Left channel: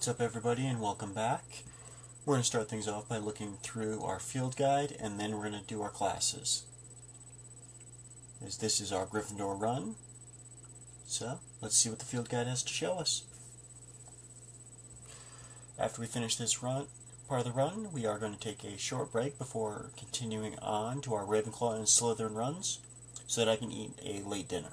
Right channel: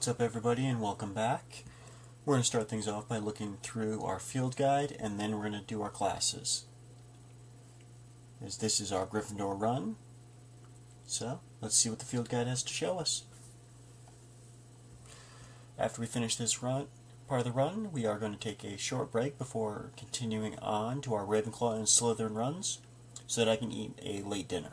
What's up everybody and welcome back. We're going to start things off by looking through our field guide and then we're going to do our classes. As this is our Gryffindor run, so let's see what the field guide has to show us. After we finish this part of the run, we are going to take a short break before continuing on to our Ravenclaw and Slytherin runs so that I can eat a late dinner.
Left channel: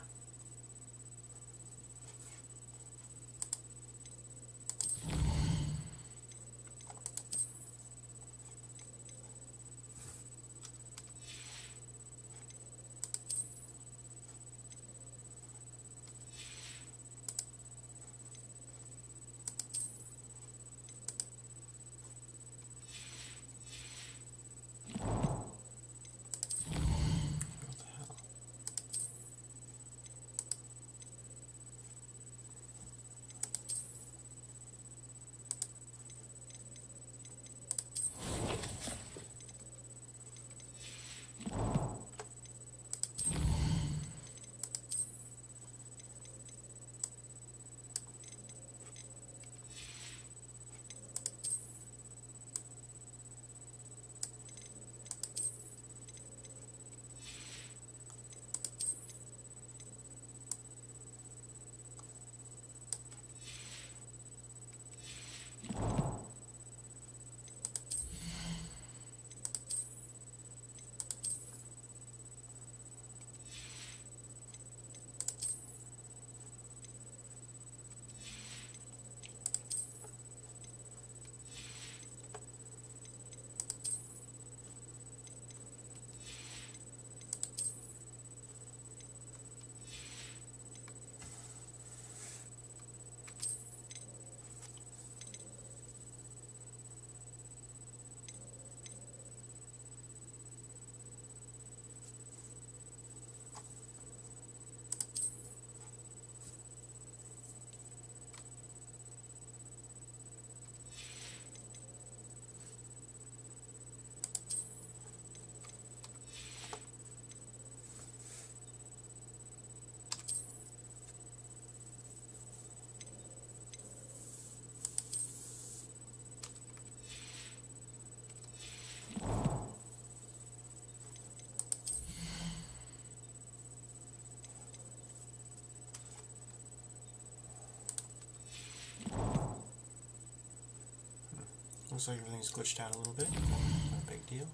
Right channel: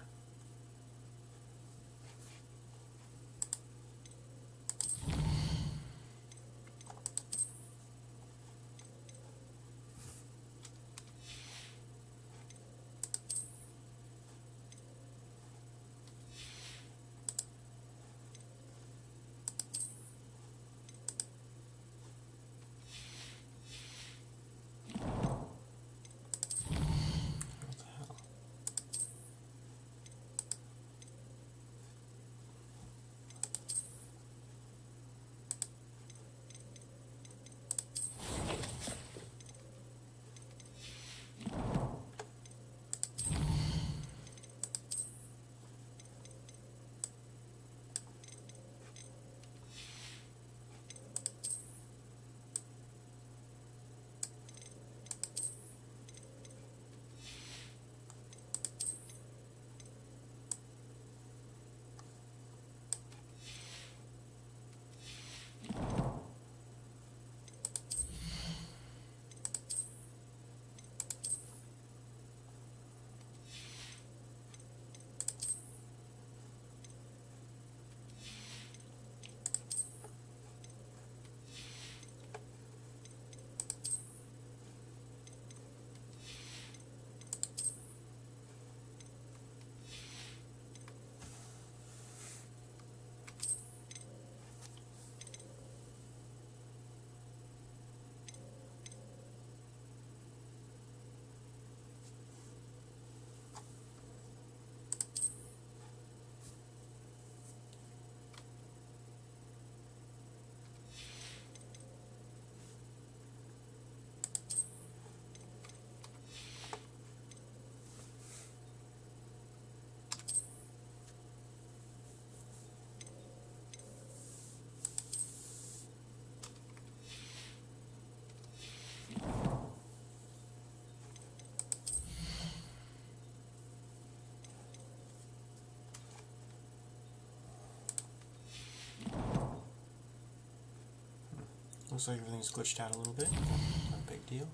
Looks like everything's switched out a little bit. Big deal.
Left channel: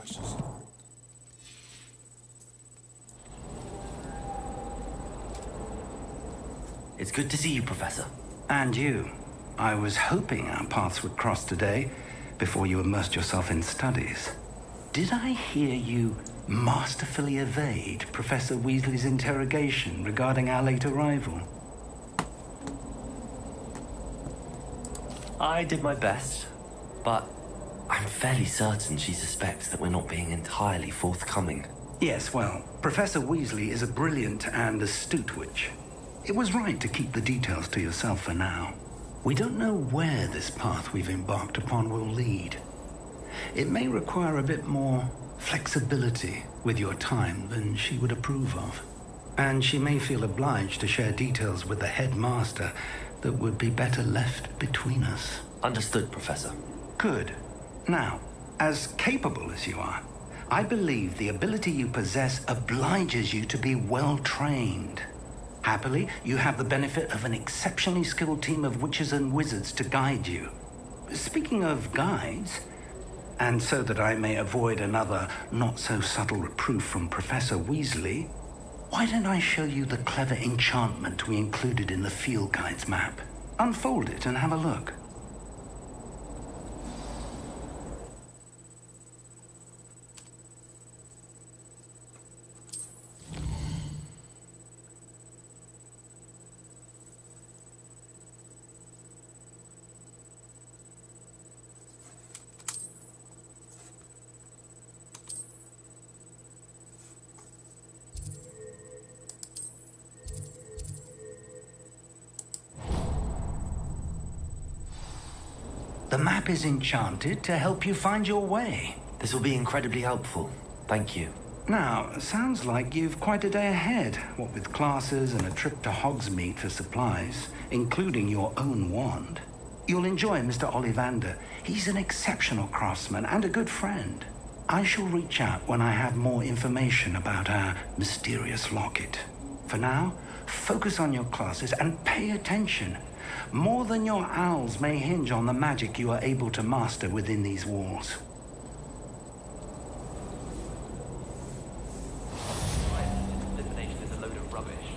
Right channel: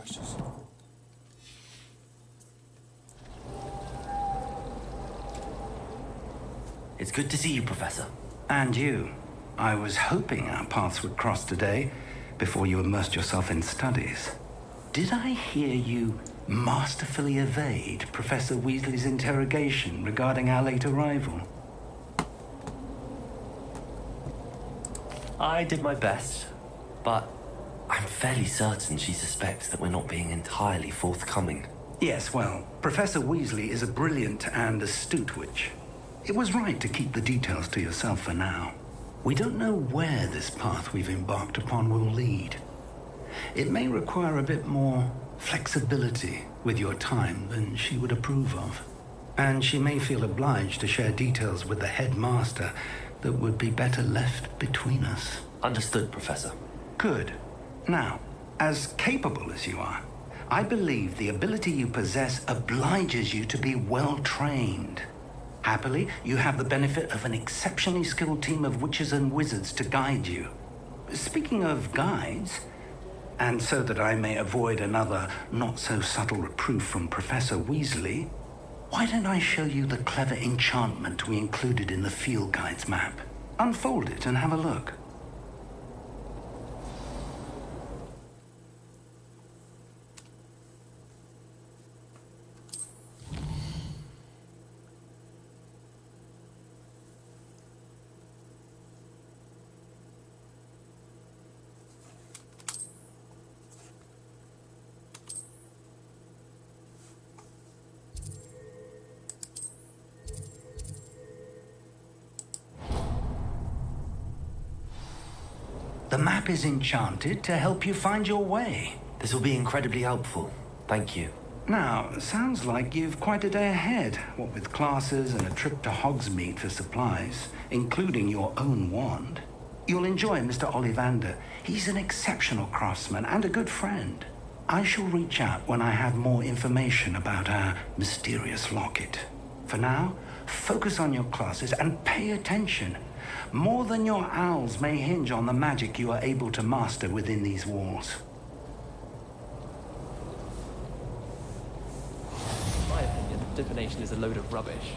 Questions? It's good to see you, Professor. And you. I was hoping our paths would cross today, before you immersed yourself in studies. Did I hear you masterfully evade Professor Weasley's interrogation regarding our late arrival? I did my best, but I'm fairly certain she suspects that we're not being entirely forthcoming. Yes, well, Professor Weasley is a brilliant and astute witch. It was right to keep the details to yourself for now. We don't know where this path we've embarked upon will lead. It may require a bit more flexibility with your time than she would approve of. And she may feel obliged to share details with the headmaster that would be better left between us. Understood, Professor. Good. Now, as capable as you are, I believe the ability you possess obliges you to be well trained. Happily, you have the benefit of an exceptionally skilled team of witches and wizards to guide you. Speaking of guides, and so that I may avoid another not-so-subtle reproof from Professor Weasley, why don't I show you the clever enchantment we included in the field guide's map? Unfold it and have a look. The map is enchanted to help you find your way. This will be incredibly helpful. Thank you. Now, sounds like you've quite a day ahead, what with classes and a trip to Hogsmeade for supplies, including your own wand. You'll enjoy Mr. Ollivander. He's an exceptional craftsman and a good friend. I shall reach out when I have more information about our mysterious locket. For now, focus on your classes and pay attention. More than your owls may hinge on the magic you are able to master within these walls. In my opinion, divination is a load of rubbish.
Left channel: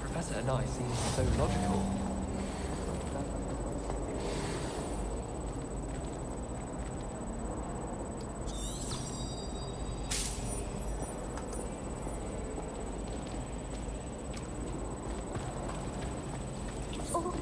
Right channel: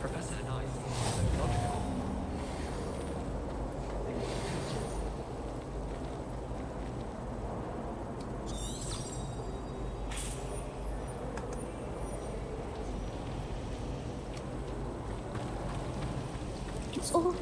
Professor and I seem so logical. It's all.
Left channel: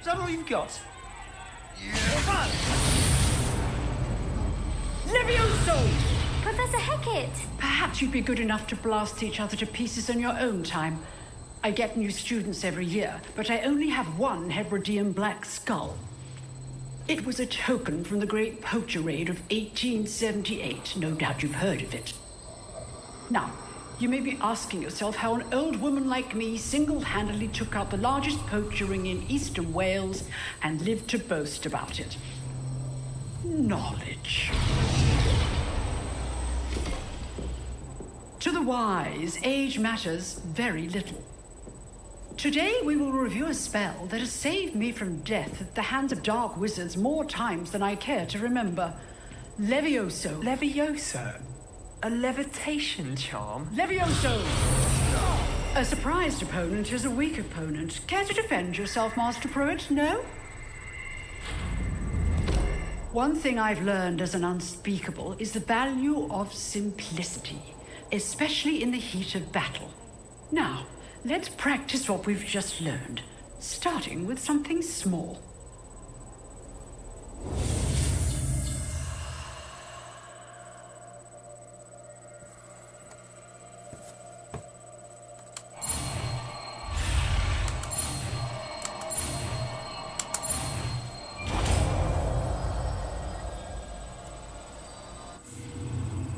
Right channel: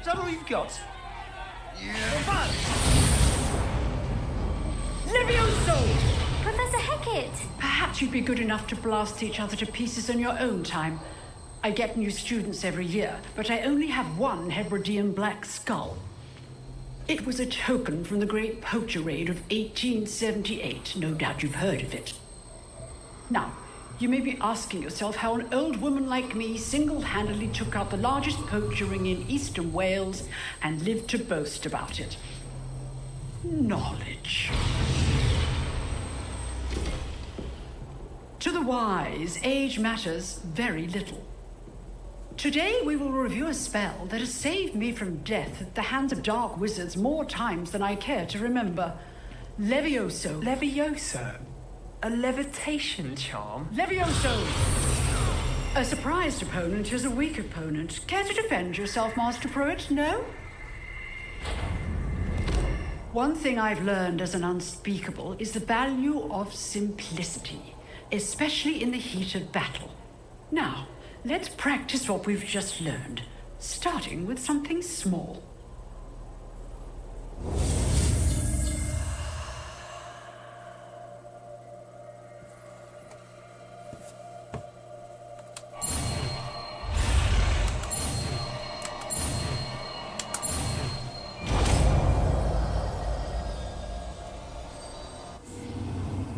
Is that all you've got? Yeah. Levioso! Professor Hecat! Perhaps you'd be good enough to blast each other to pieces on your own time. I get new students every year, but I only have one Hebridean black skull. It was a token from the Great Poacher Raid of 1878. No doubt you've heard of it. Now, you may be asking yourself how an old woman like me single-handedly took out the largest poacher ring in eastern Wales and lived to boast about it. Knowledge. To the wise, age matters very little. Today we will review a spell that has saved me from death at the hands of dark wizards more times than I care to remember. Levioso. Levioso? A levitation charm? Levioso! A surprised opponent is a weak opponent. Care to defend yourself, Master Pruitt? No? One thing I've learned as an unspeakable is the value of simplicity, especially in the heat of battle. Now, let's practice what we've just learned, starting with something small.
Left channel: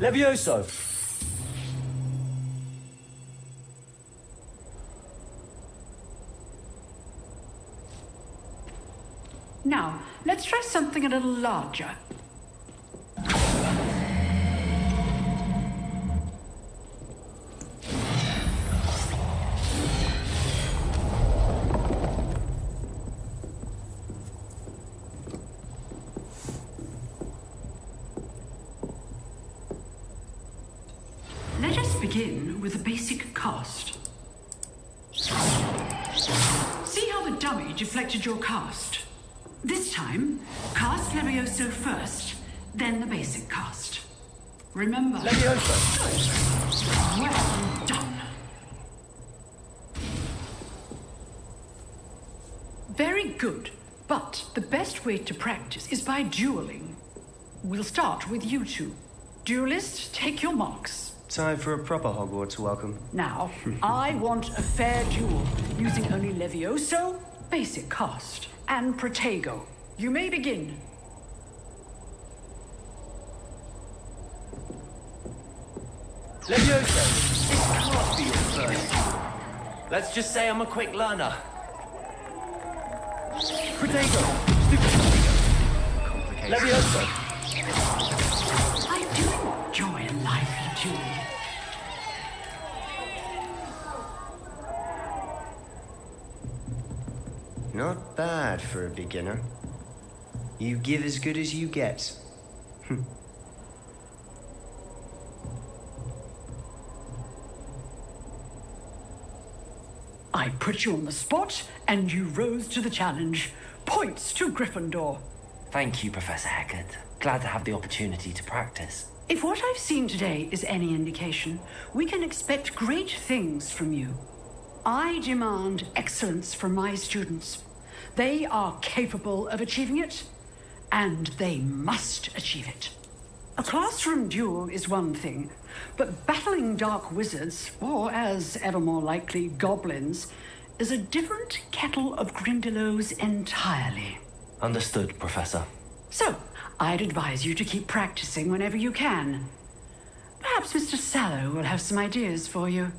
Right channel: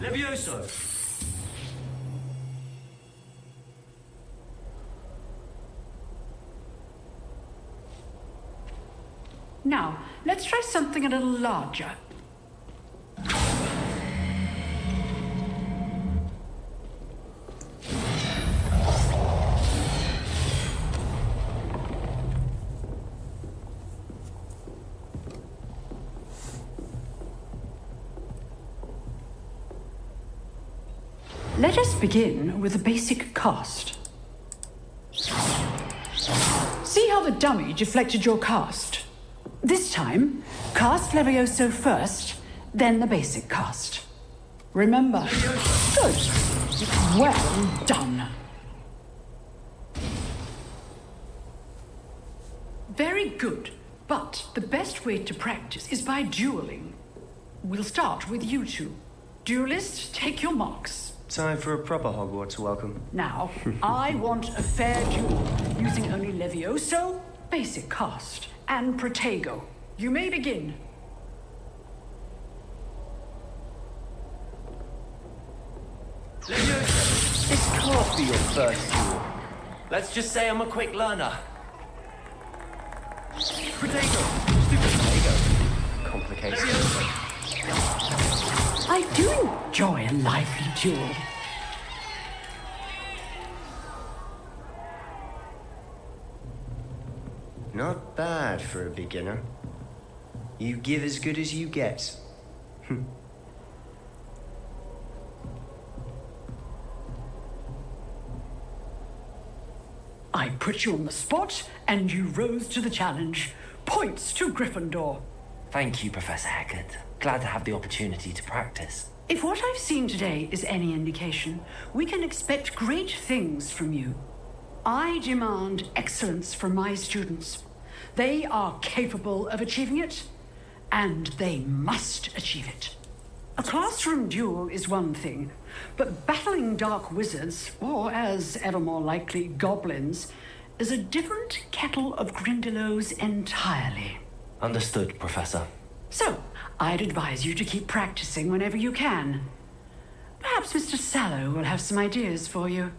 Levioso! Now, let's try something a little larger. Let us begin with the basic cast. See how the dummy deflected your cast? This time, cast Levioso first, then the basic cast. Remember. Levioso! Good. Well done. Very good. But the best way to practice is by dueling. We'll start with you two. Duelists, take your marks. Time for a proper Hogwarts welcome. Now, I want a fair duel, using only Levioso, basic cast, and Protego. You may begin. Levioso, this can't be your first duel. Let's just say I'm a quick learner. Protego! Stupid Protego! Complicated. Levioso! I do enjoy a lively duel. Not bad for a beginner. You give as good as you get. I put you on the spot, and you rose to the challenge. Points to Gryffindor. Thank you, Professor Hecat. Glad to have the opportunity to practice. If what I've seen today is any indication, we can expect great things from you. I demand excellence from my students. They are capable of achieving it, and they must achieve it. A classroom duel is one thing, but battling dark wizards, or as ever more likely, goblins, is a different kettle of Grindylows entirely. Understood, Professor. So, I'd advise you to keep practicing whenever you can. Perhaps Mr. Sallow will have some ideas for you.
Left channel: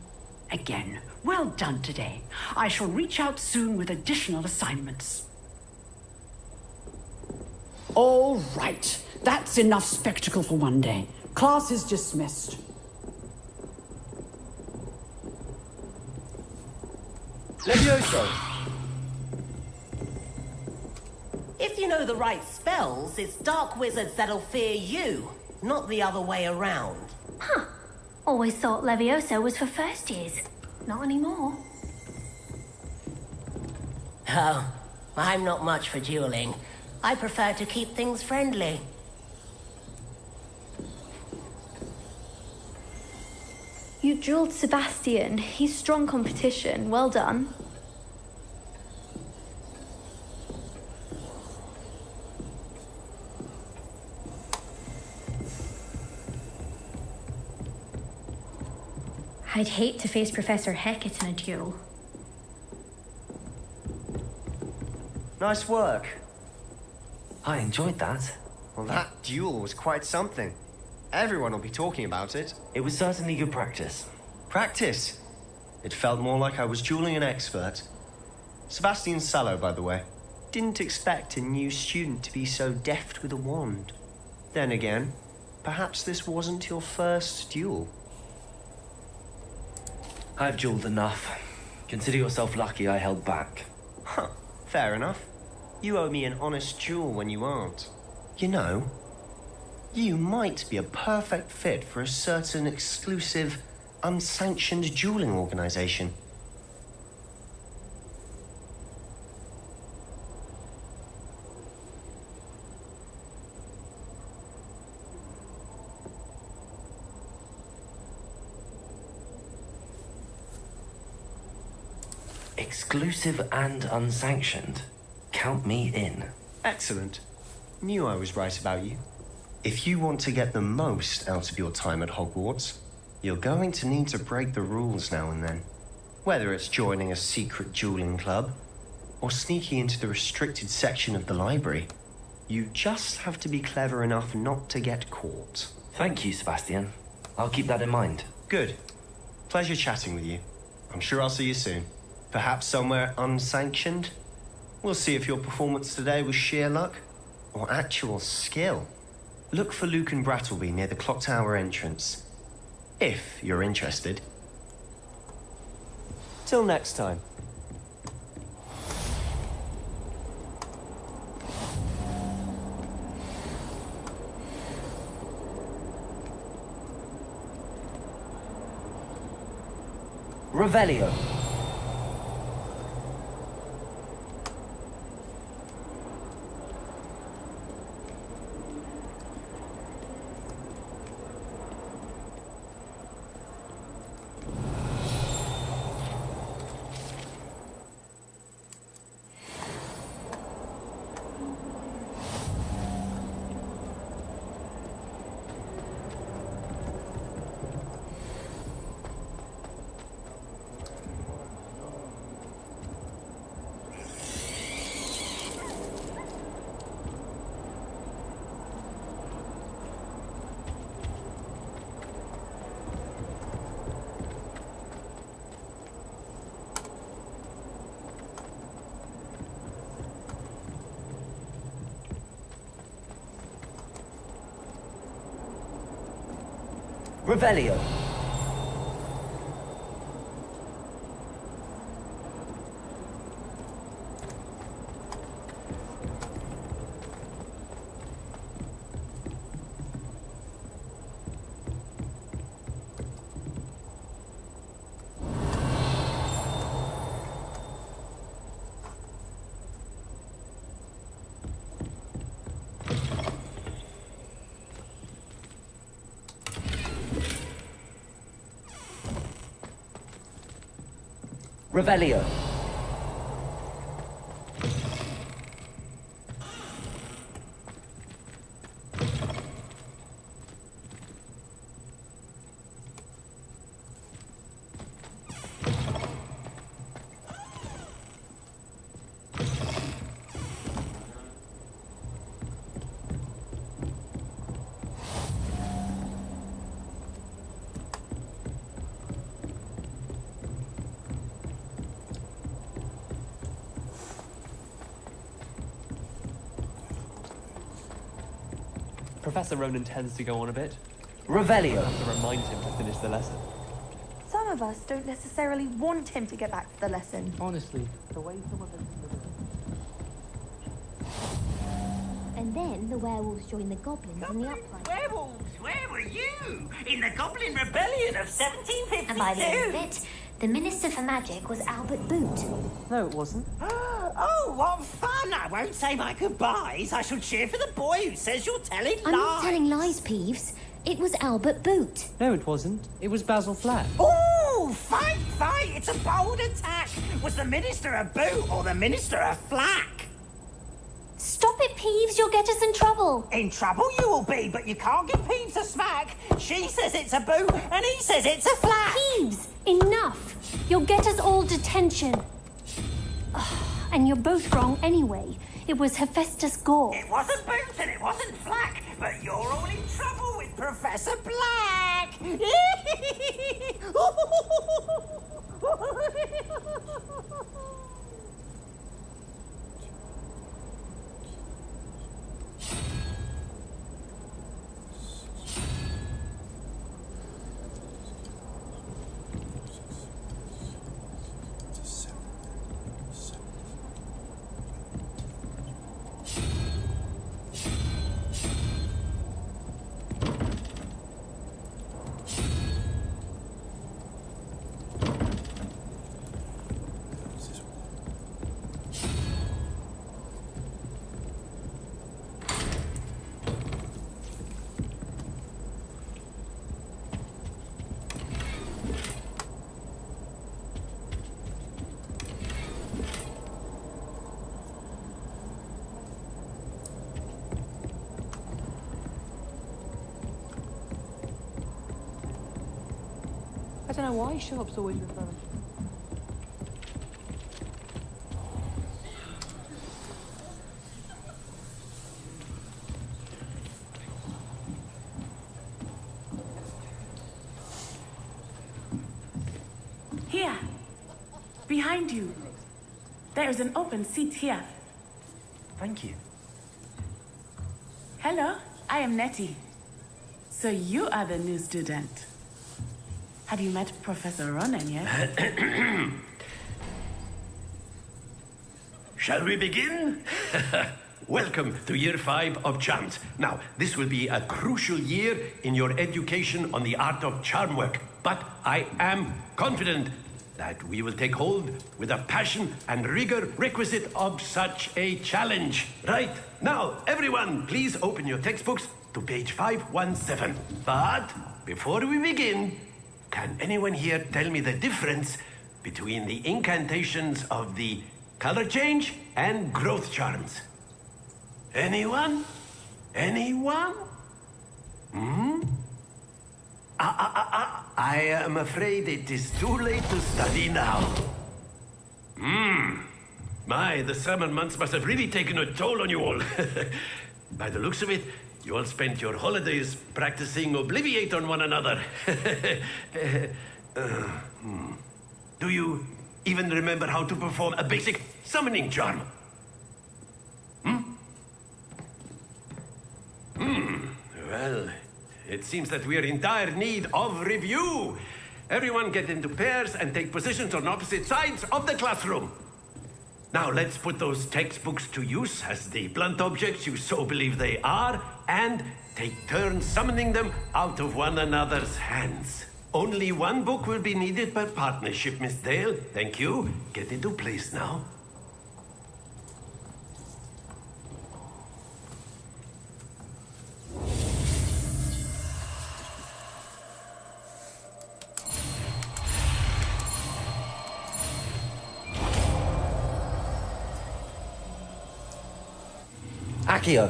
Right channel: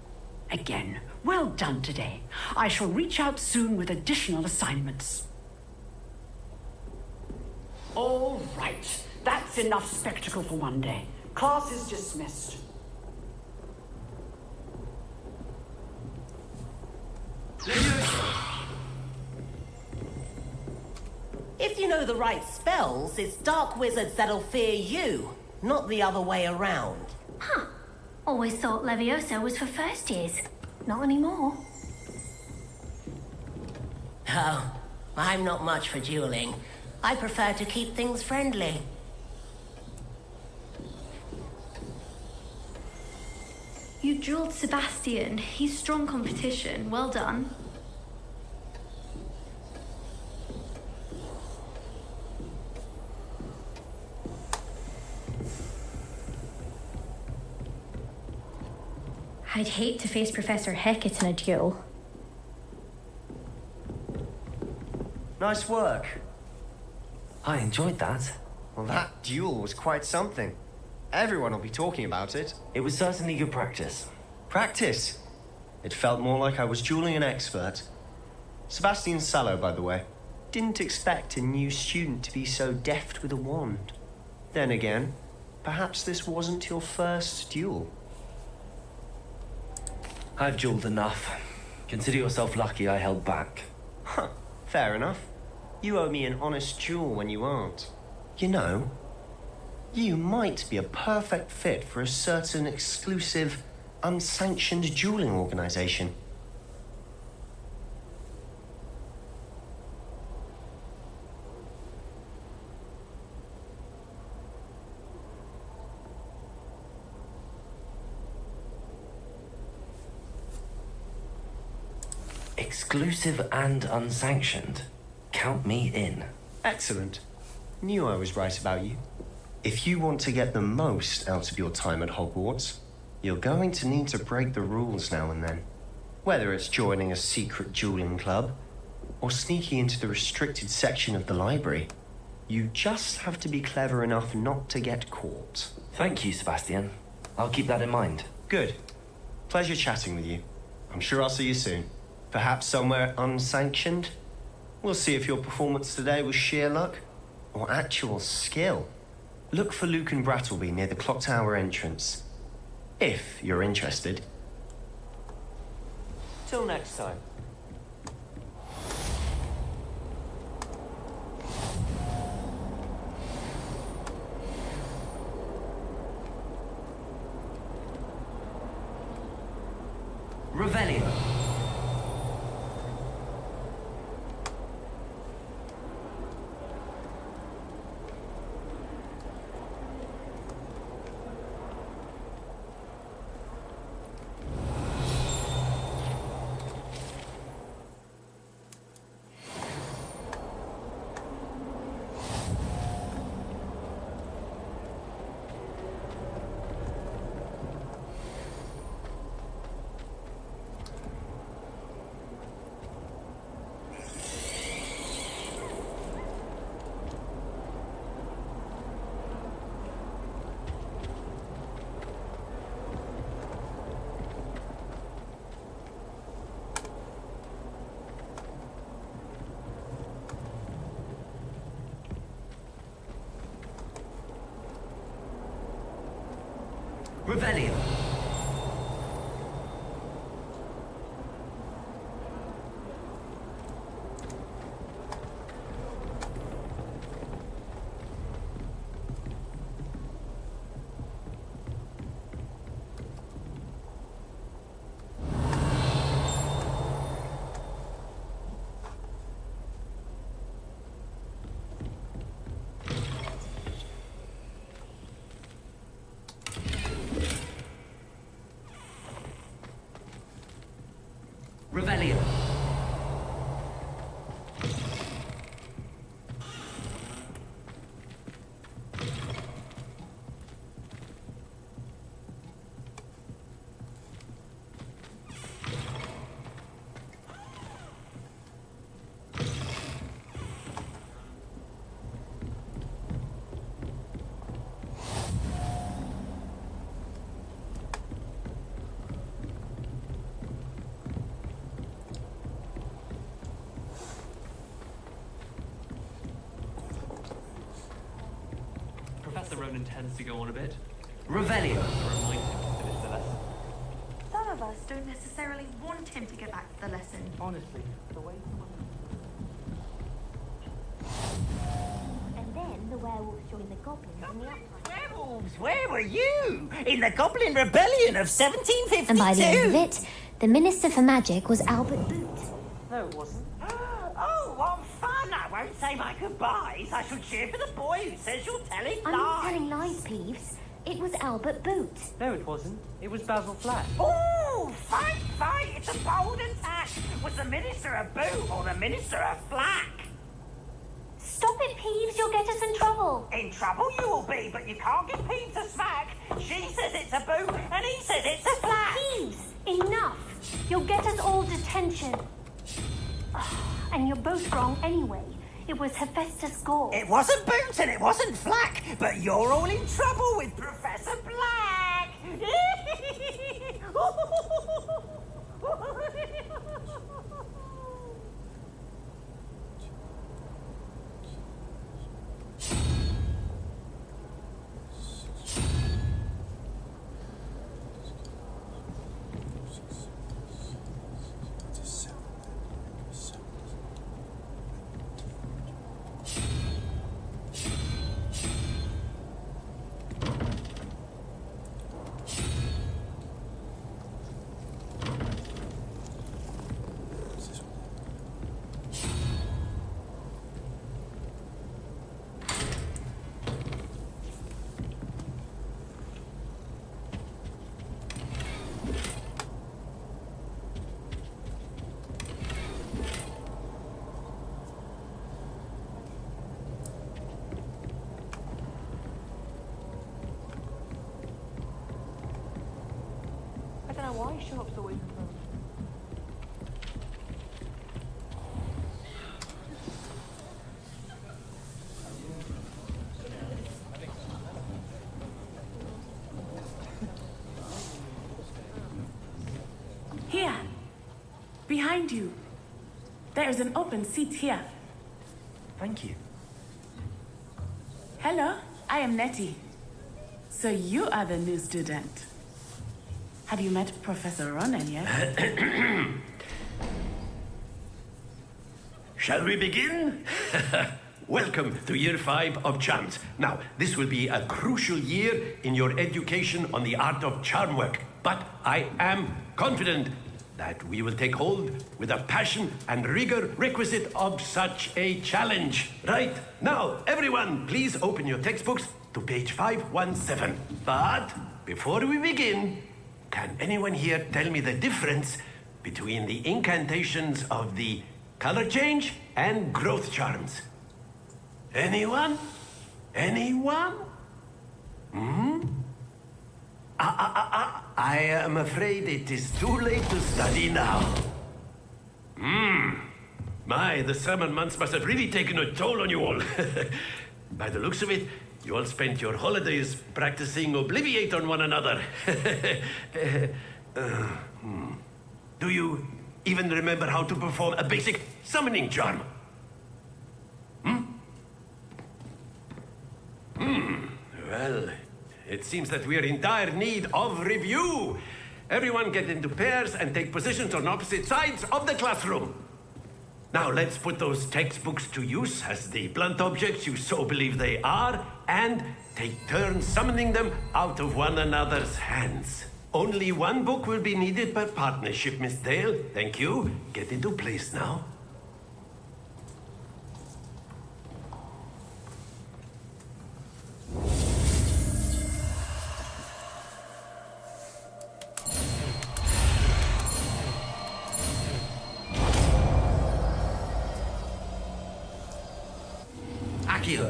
Again, well done today. I shall reach out soon with additional assignments. All right. That's enough spectacle for one day. Class is dismissed. Levioso! If you know the right spells, it's dark wizards that'll fear you, not the other way around. Huh. Always thought Levioso was for first years. Not anymore. Oh, I'm not much for dueling. I prefer to keep things friendly. You drilled Sebastian. He's strong competition. Well done. I'd hate to face Professor Hecat in a duel. Nice work. I enjoyed that. Well, that duel was quite something. Everyone will be talking about it. It was certainly good practice. Practice? It felt more like I was dueling an expert. Sebastian Sallow, by the way. Didn't expect a new student to be so deft with a wand. Then again, perhaps this wasn't your first duel. I've dueled enough. Consider yourself lucky I held back. Huh, fair enough. You owe me an honest duel when you aren't. You know, you might be a perfect fit for a certain exclusive, unsanctioned dueling organization. Exclusive and unsanctioned. Count me in. Excellent. Knew I was right about you. If you want to get the most out of your time at Hogwarts, you're going to need to break the rules now and then. Whether it's joining a secret dueling club, or sneaking into the restricted section of the library, you just have to be clever enough not to get caught. Thank you, Sebastian. I'll keep that in mind. Good. Pleasure chatting with you. I'm sure I'll see you soon. Perhaps somewhere unsanctioned? We'll see if your performance today was sheer luck or actual skill. Look for Luke and Brattleby near the clock tower entrance. If you're interested. Till next time. Revelio. Revelio. Revelio. Professor Ronan tends to go on a bit. Revelio. To remind him to finish the lesson. Some of us don't necessarily want him to get back to the lesson. Honestly, the way some of us... And then the werewolves joined the goblins in the uprising. Werewolves, where were you? In the Goblin Rebellion of 1752? And by the end of it, the Minister for Magic was Albert Boot. No, it wasn't. Oh, what fun! I won't say my goodbyes. I shall cheer for the boy who says you're telling I'm lies. not telling lies, Peeves. It was Albert Boot. No, it wasn't. It was Basil Flat. Ooh, fight, fight! It's a bold attack. Was the Minister a boot or the Minister a flack? Stop it, Peeves. You'll get us in trouble. In trouble you will be, but you can't give Peeves a smack. She says it's a boot, and he says it's a flack. Peeves, enough. You'll get us all detention. And you're both wrong anyway. It was Hephaestus Gore. It wasn't boot and it wasn't flack, but you're all in trouble with Professor Black. I don't know why shops always refer. Here. Behind you. There is an open seat here. Thank you. Hello, I am Nettie. So you are the new student. Have you met Professor Ronan yet? Shall we begin? Welcome to Year 5 of Charms. Now, this will be a crucial year in your education on the art of charm work. But I am confident that we will take hold with the passion and rigor requisite of such a challenge. Right, now, everyone, please open your textbooks to page 517. But before we begin, can anyone here tell me the difference between the incantations of the color change and growth charms? Anyone? Anyone? I am afraid it is too late to study now. My, the summer months must have really taken a toll on you all. By the looks of it, you all spent your holidays practicing Obliviate on one another. Do you even remember how to perform a basic summoning charm? Well, it seems that we are in dire need of review. Everyone get into pairs and take positions on opposite sides of the classroom. Now let's put those textbooks to use as the blunt objects you so believe they are, and take turns summoning them out of one another's hands. Only one book will be needed per partnership, Miss Dale. Thank you. Get into place now. Accio.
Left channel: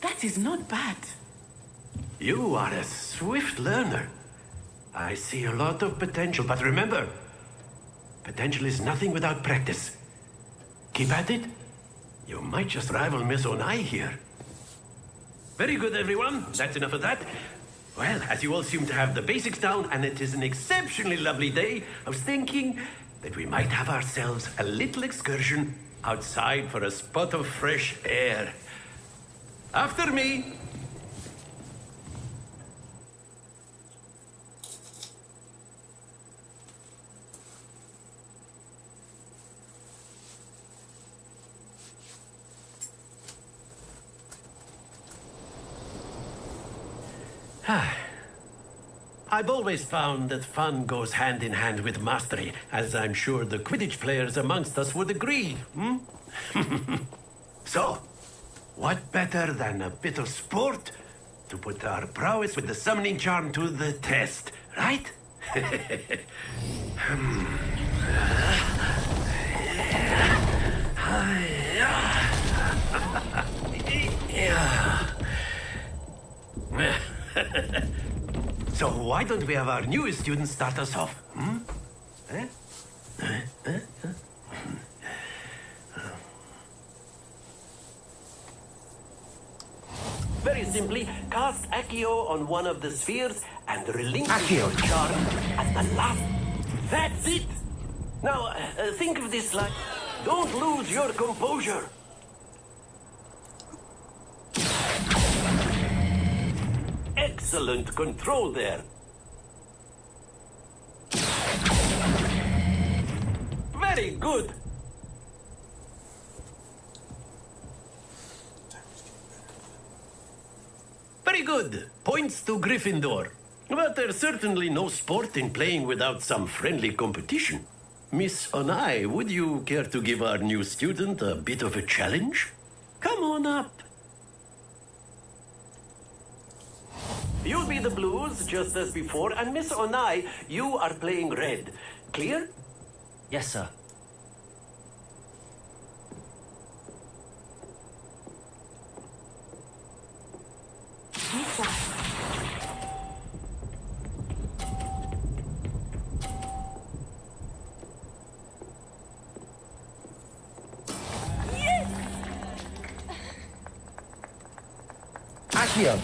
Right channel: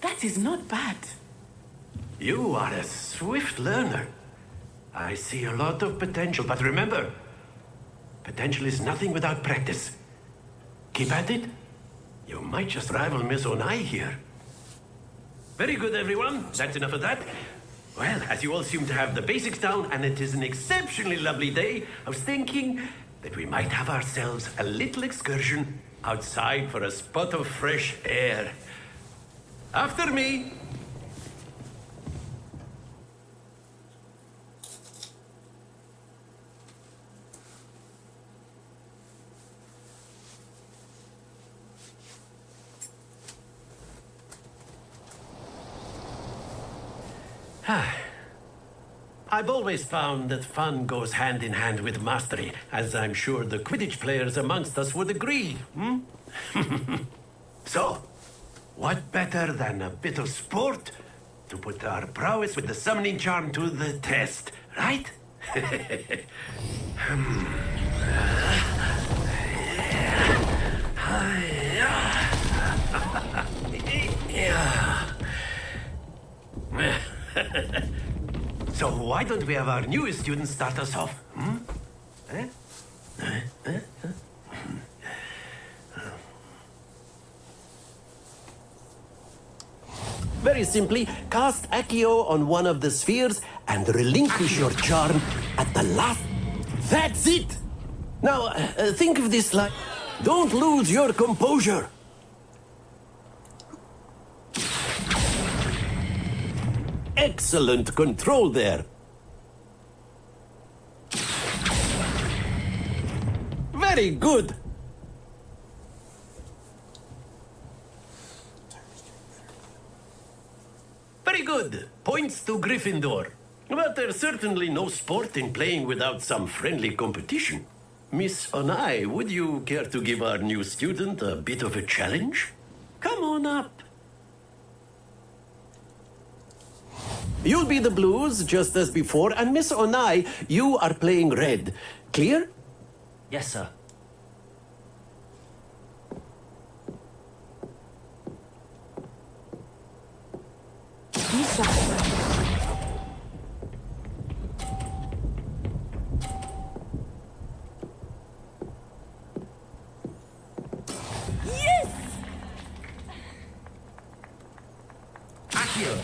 That is not bad. You are a swift learner. I see a lot of potential, but remember, potential is nothing without practice. Keep at it. You might just rival Miss Onai here. Very good, everyone. That's enough of that. Well, as you all seem to have the basics down, and it is an exceptionally lovely day, I was thinking that we might have ourselves a little excursion outside for a spot of fresh air. After me. I've always found that fun goes hand in hand with mastery, as I'm sure the Quidditch players amongst us would agree. So, what better than a bit of sport to put our prowess with the summoning charm to the test, right? So why don't we have our newest student start us off? Very simply, cast Accio on one of the spheres and relinquish your charm at the last. That's it! Now, think of this like... Don't lose your composure. Excellent control there. Very good. Very good. Points to Gryffindor. But there's certainly no sport in playing without some friendly competition. Miss Onai, would you care to give our new student a bit of a challenge? Come on up. You'll be the blues, just as before, and Miss Onai, you are playing red. Clear? Yes, sir. Yes! Accio.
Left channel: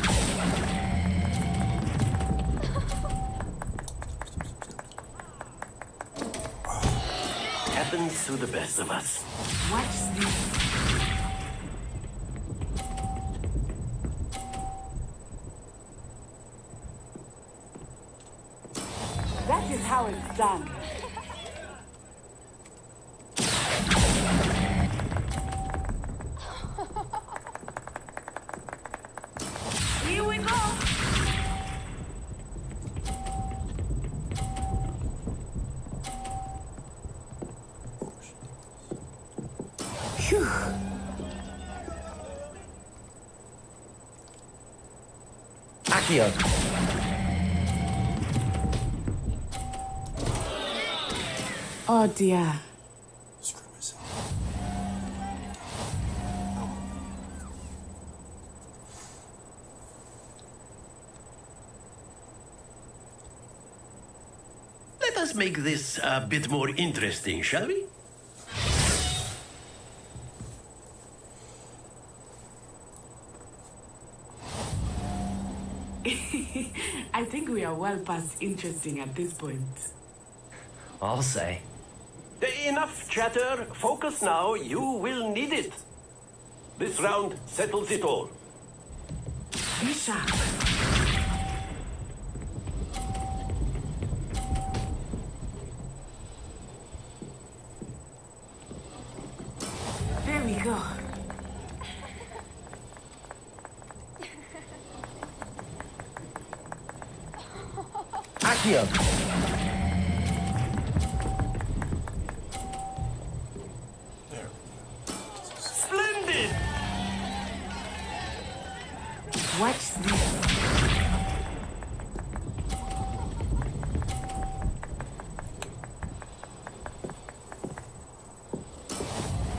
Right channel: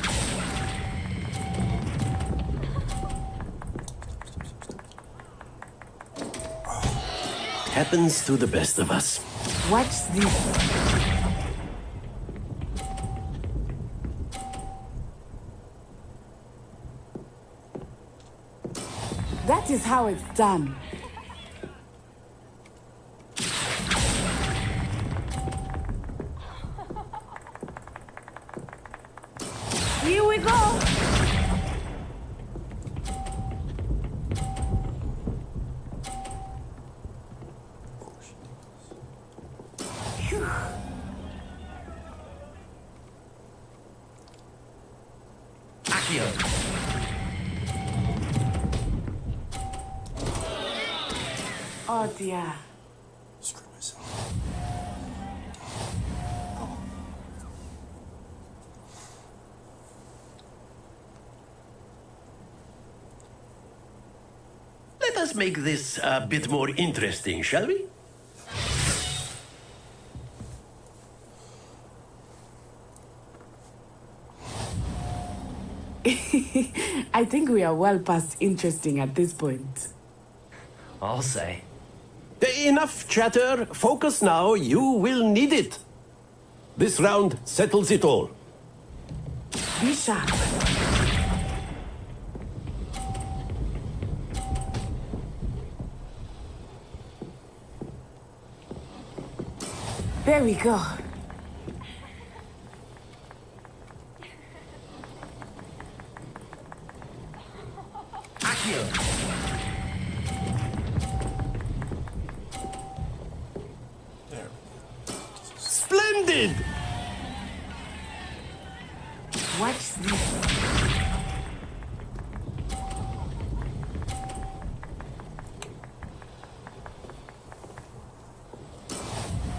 Happens to the best of us. Watch this. That is how it's done. Here we go. Phew. Accio. Oh dear. Let us make this a bit more interesting, shall we? I think we are well past interesting at this point. I'll say. Enough chatter. Focus now. You will need it. This round settles it all. Be sharp. There we go. Accio. Splendid! Watch this.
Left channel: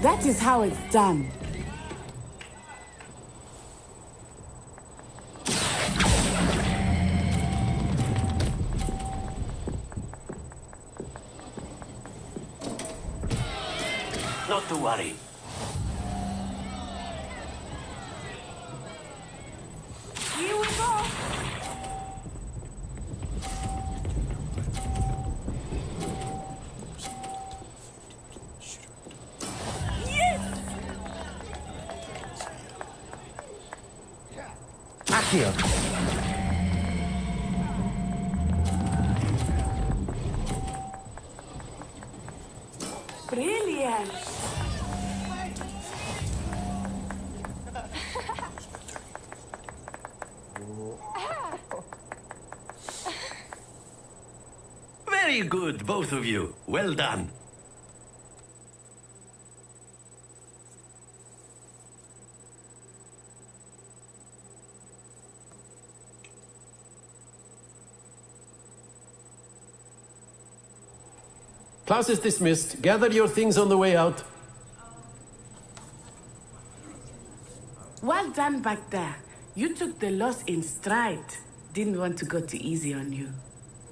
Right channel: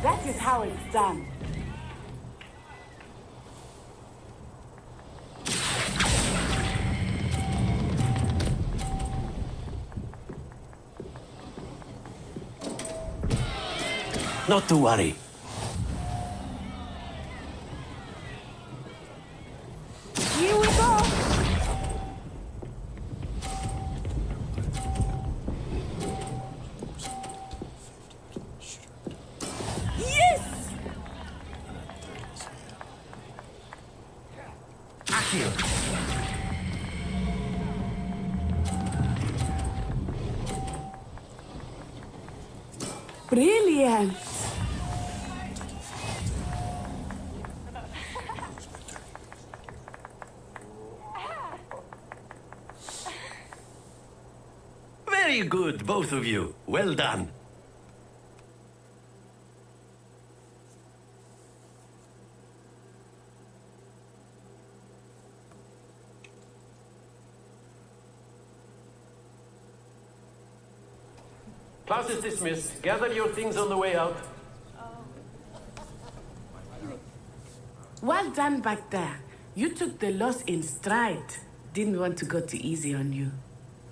That is how it's done. Not to worry. Here we go. Accio! Brilliant. Very good, both of you. Well done. Class is dismissed. Gather your things on the way out. Well done back there. You took the loss in stride. Didn't want to go too easy on you.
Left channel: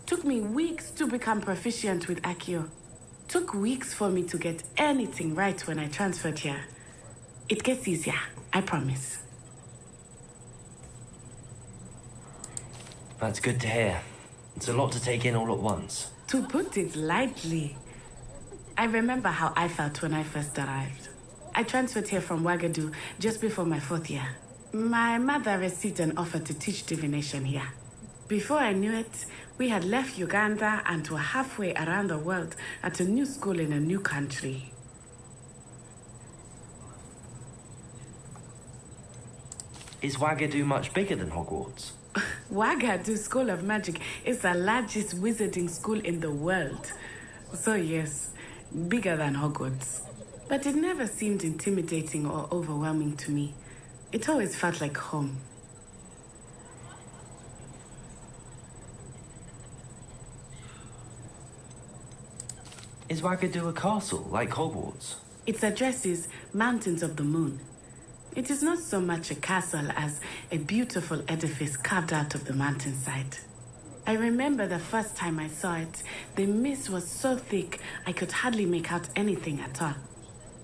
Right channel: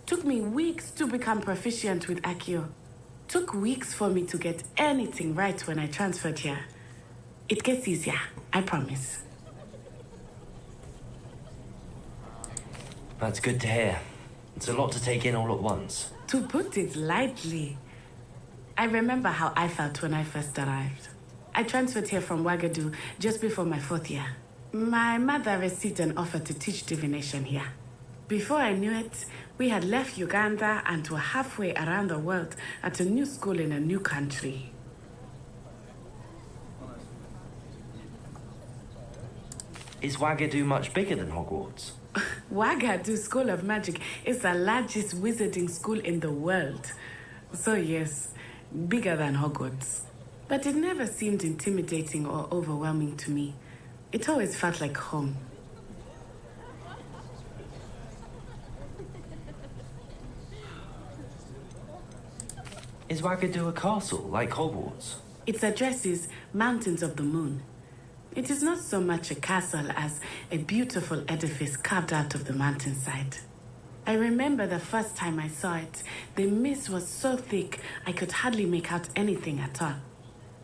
Took me weeks to become proficient with Accio. Took weeks for me to get anything right when I transferred here. It gets easier, I promise. That's good to hear. It's a lot to take in all at once. To put it lightly, I remember how I felt when I first arrived. I transferred here from Wagadu just before my 4th year. My mother received an offer to teach divination here. Before I knew it, we had left Uganda and were halfway around the world at a new school in a new country. Is Wagadu much bigger than Hogwarts? Wagadu School of Magic is the largest wizarding school in the world. So yes, bigger than Hogwarts. But it never seemed intimidating or overwhelming to me. It always felt like home. Is Wagadu a castle, like Hogwarts? Its address is Mountains of the Moon. It is not so much a castle as a beautiful edifice carved out of the mountainside. I remember the first time I saw it, the mist was so thick I could hardly make out anything at all.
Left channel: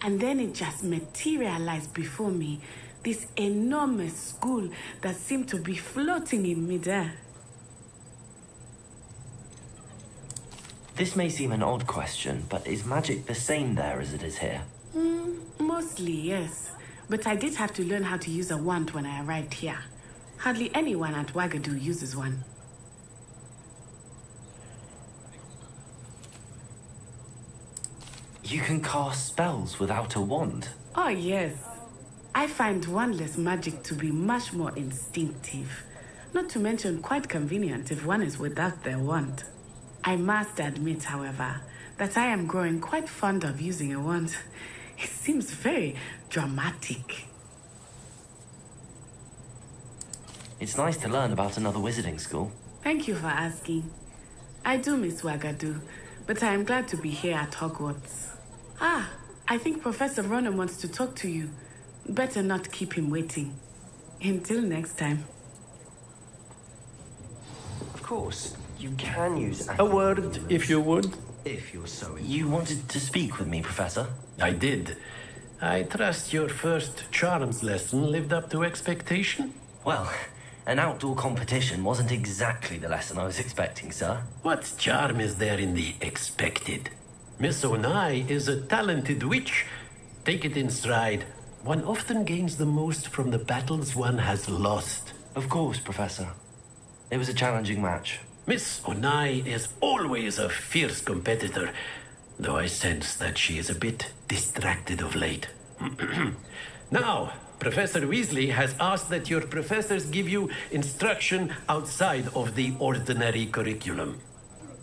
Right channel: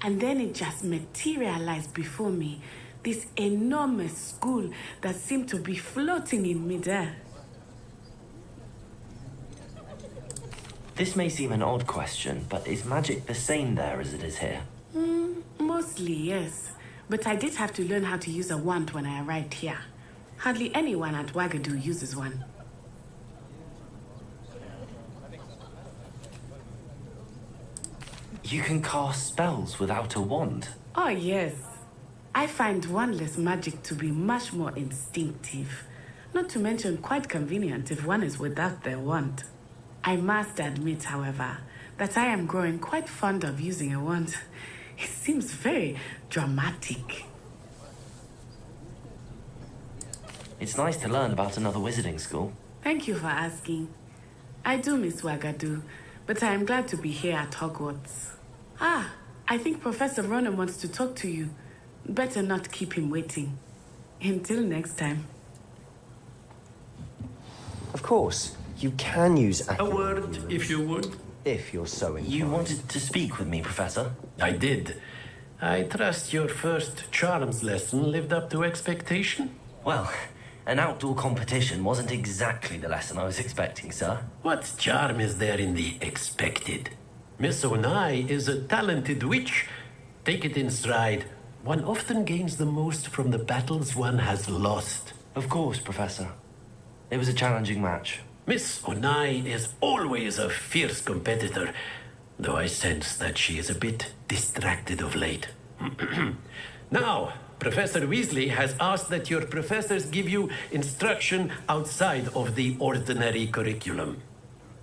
And then it just materialized before me, this enormous school that seemed to be floating in midair. This may seem an odd question, but is magic the same there as it is here? Mostly, yes. But I did have to learn how to use a wand when I arrived here. Hardly anyone at Wagadu uses one. You can cast spells without a wand? Oh, yes. I find wandless magic to be much more instinctive. Not to mention quite convenient if one is without their wand. I must admit, however, that I am growing quite fond of using a wand. It seems very dramatic. It's nice to learn about another wizarding school. Thank you for asking. I do miss Wagadu, but I am glad to be here at Hogwarts. Ah, I think Professor Ronan wants to talk to you. Better not keep him waiting. Until next time. Of course, you can use A word, if you would. if you're so inclined. You wanted to speak with me, Professor? I did. I trust your first charms lesson lived up to expectation? Well, an outdoor competition wasn't exactly the lesson I was expecting, sir. What charm is there in the expected? Miss Onai is a talented witch. Take it in stride. One often gains the most from the battles one has lost. Of course, Professor. It was a challenging match. Miss Onai is always a fierce competitor, though I sense that she is a bit distracted of late. Now, Professor Weasley has asked that your professors give you instruction outside of the ordinary curriculum.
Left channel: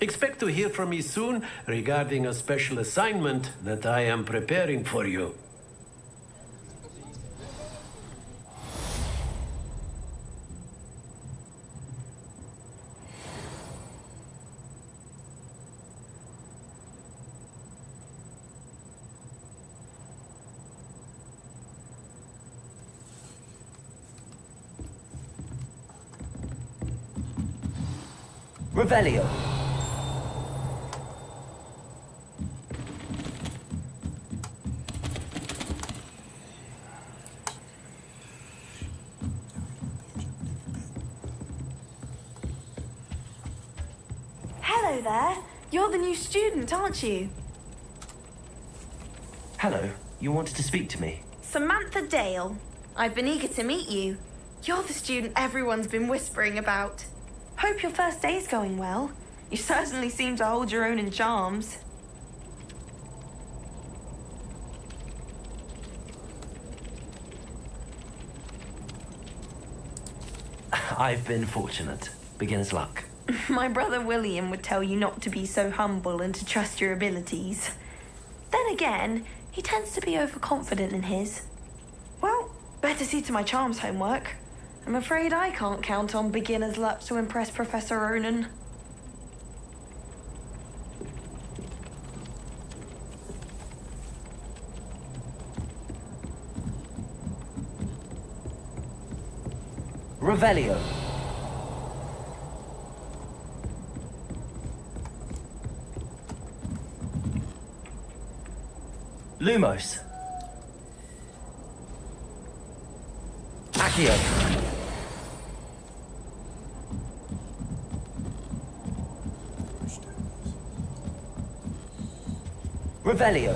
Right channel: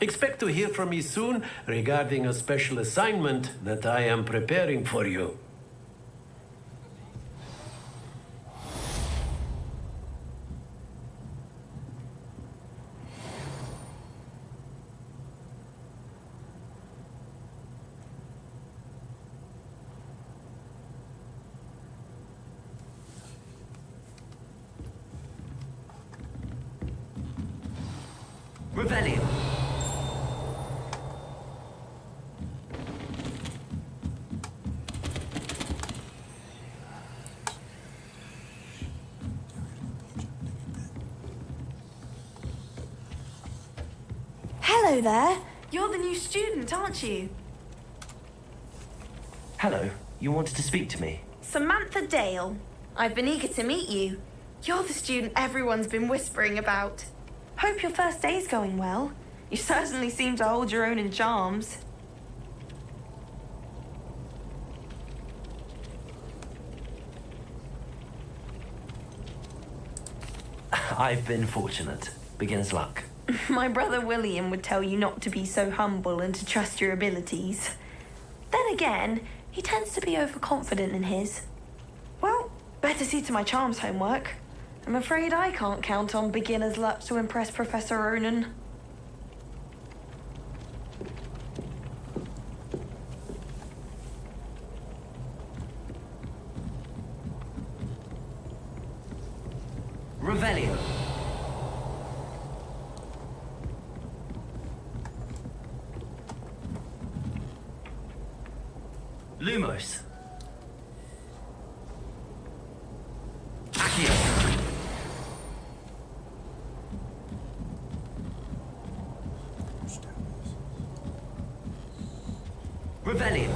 Expect to hear from me soon regarding a special assignment that I am preparing for you. Revelio. Hello there. You're the new student, aren't you? Hello. You wanted to speak to me? Samantha Dale. I've been eager to meet you. You're the student everyone's been whispering about. Hope your first day's going well. You certainly seem to hold your own in charms. I've been fortunate. Beginner's luck. My brother William would tell you not to be so humble and to trust your abilities. Then again, he tends to be overconfident in his. Well, better see to my charms homework. I'm afraid I can't count on beginner's luck to impress Professor Ronan. Revelio. Lumos. Accio. Revelio.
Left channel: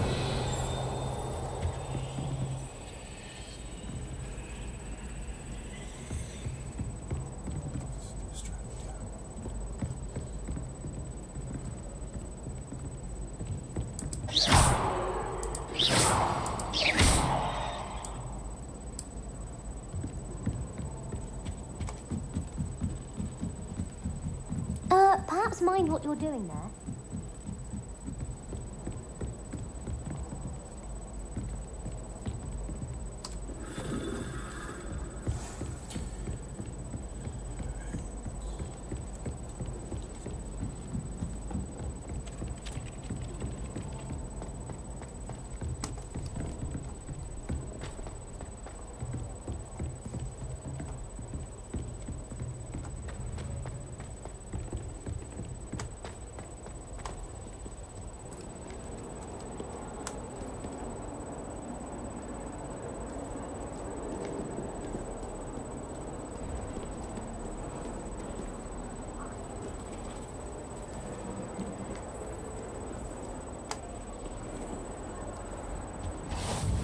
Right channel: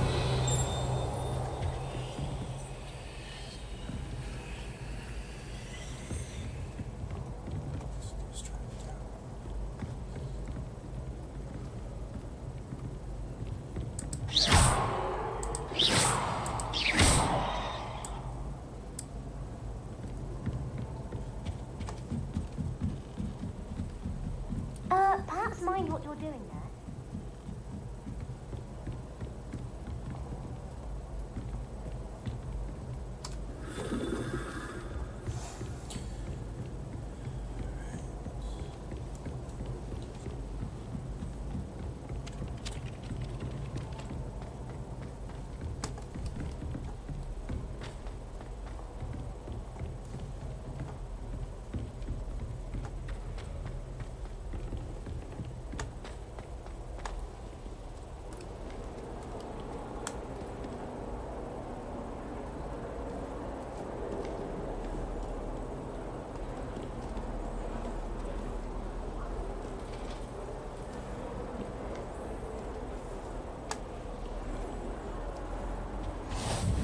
Perhaps mind what you're doing there.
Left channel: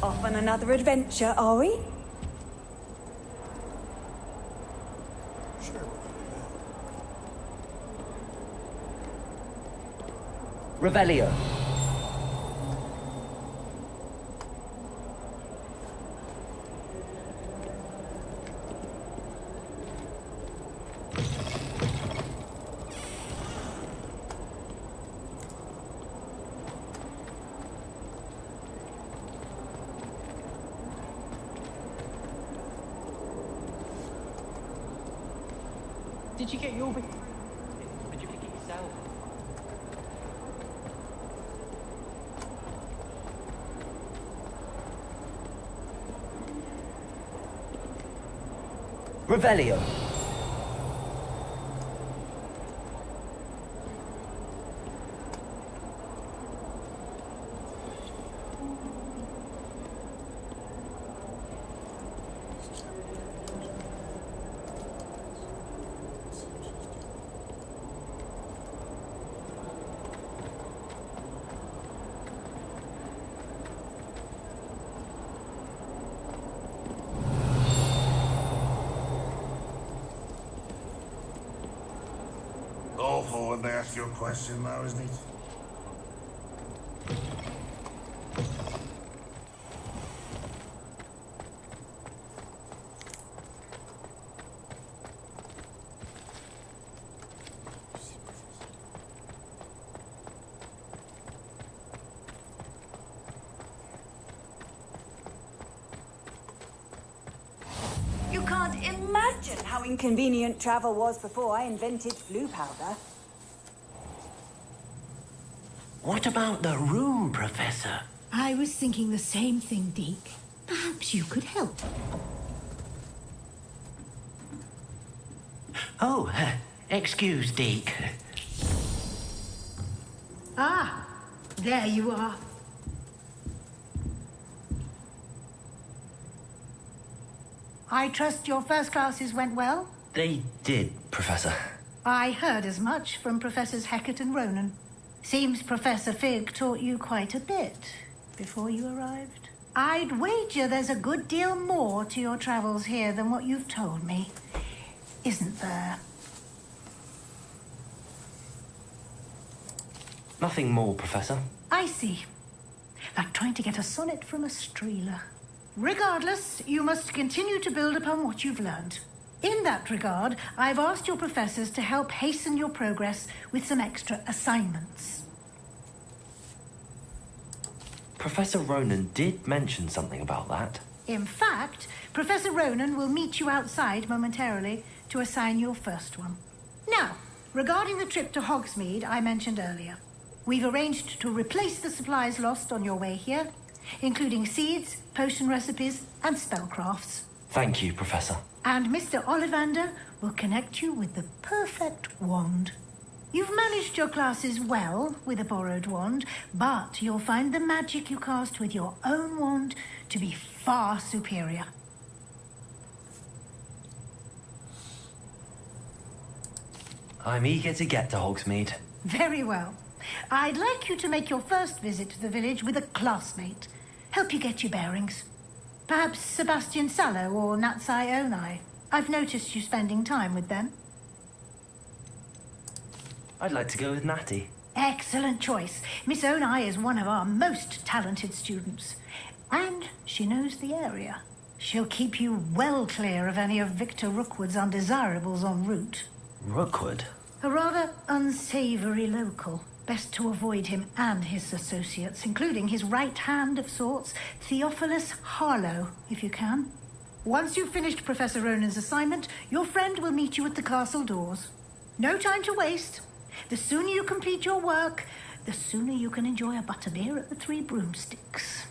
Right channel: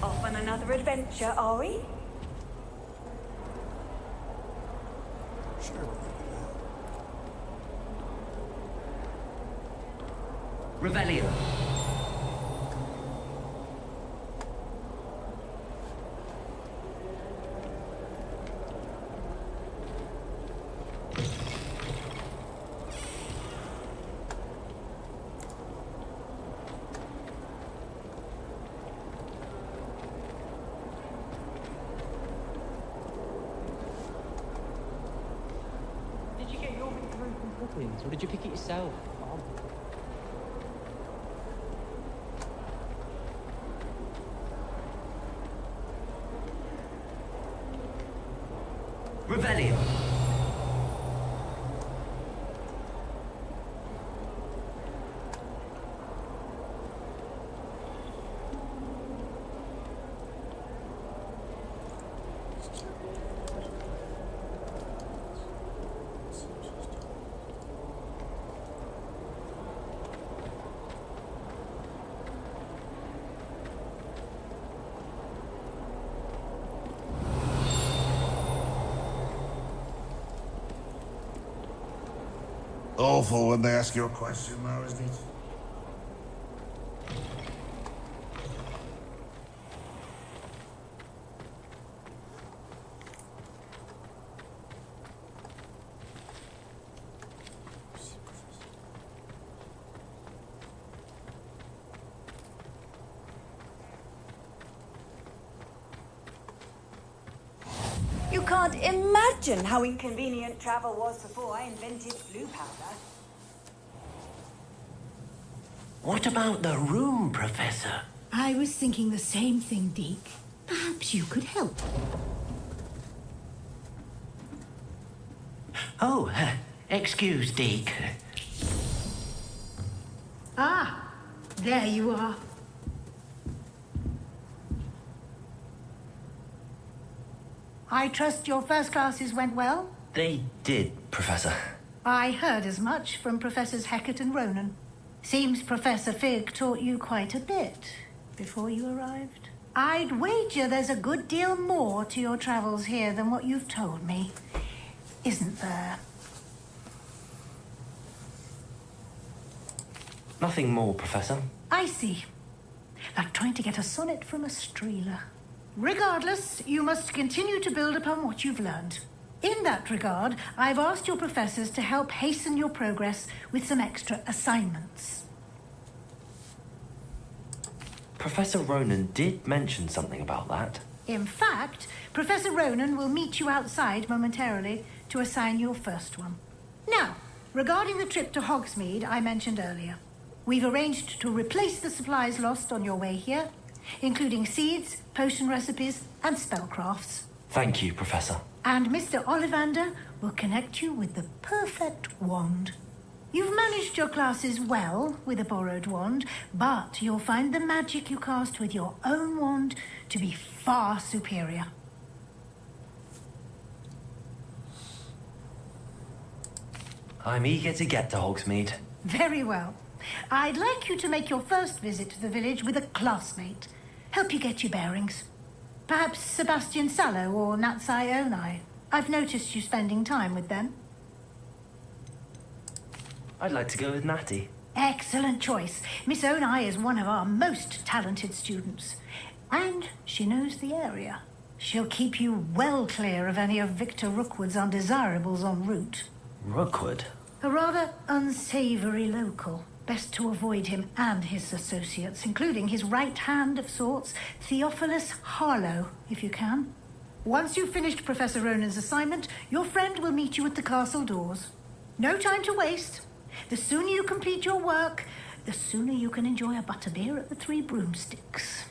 Off on another adventure, are we? Revelio. Did you get your Victorian clippings, or did you pick it yourself? Revelio. Awful when they ask you a question now, isn't it? You can't imagine how inconvenient travel was before I invented flu powder. What about the room, Professor? I was thinking the same thing, Deke. Perhaps you could help. Oh, excuse, Deke. Ah, there you are. I trust your first classes went well? They did, Professor. I heard as much from Professors Hecat and Ronan. Seems Professor Fig taught you quite a bit before you arrived. I'd wager there's a good deal more to your travels here than what you've told me. Isn't there? Nothing more, Professor. I see. Like trying to get a sonnet from a streeler. Regardless, you must continue to build upon what you've learned. In that regard, I've asked your professors to help hasten your progress with some extra assignments. Professor Ronan did mention something about that. In fact, Professor Ronan will meet you outside momentarily to assign your first one. Now, regarding the trip to Hogsmeade I mentioned earlier, we've arranged to replace the supplies lost on your way here, including seeds, potion recipes, and spellcrafts. Thank you, Professor. And Mr. Ollivander will connect you with the perfect wand. You've managed your classes well with a borrowed wand, but you'll find the magic you cast with your own wand to be far superior. I'm eager to get to Hogsmeade. Very well. I'd like you to make your first visit to the village with a classmate. Help you get your bearings. Perhaps Sebastian Sallow or Natsai Onai. I've noticed you spending time with them. I'd like to go with Natty. Excellent choice. Miss Onai is one of our most talented students. And she knows the area. She'll keep you well clear of any of Victor Rookwood's undesirables en route. Rookwood? A rather unsavory local. Best to avoid him and his associates, including his right hand of sorts, Theophilus Harlow, if you can. Once you've finished Professor Ronan's assignment, your friend will meet you at the castle doors. No time to waste. The sooner you complete your work, the sooner you can enjoy a butterbeer at the Three Broomsticks.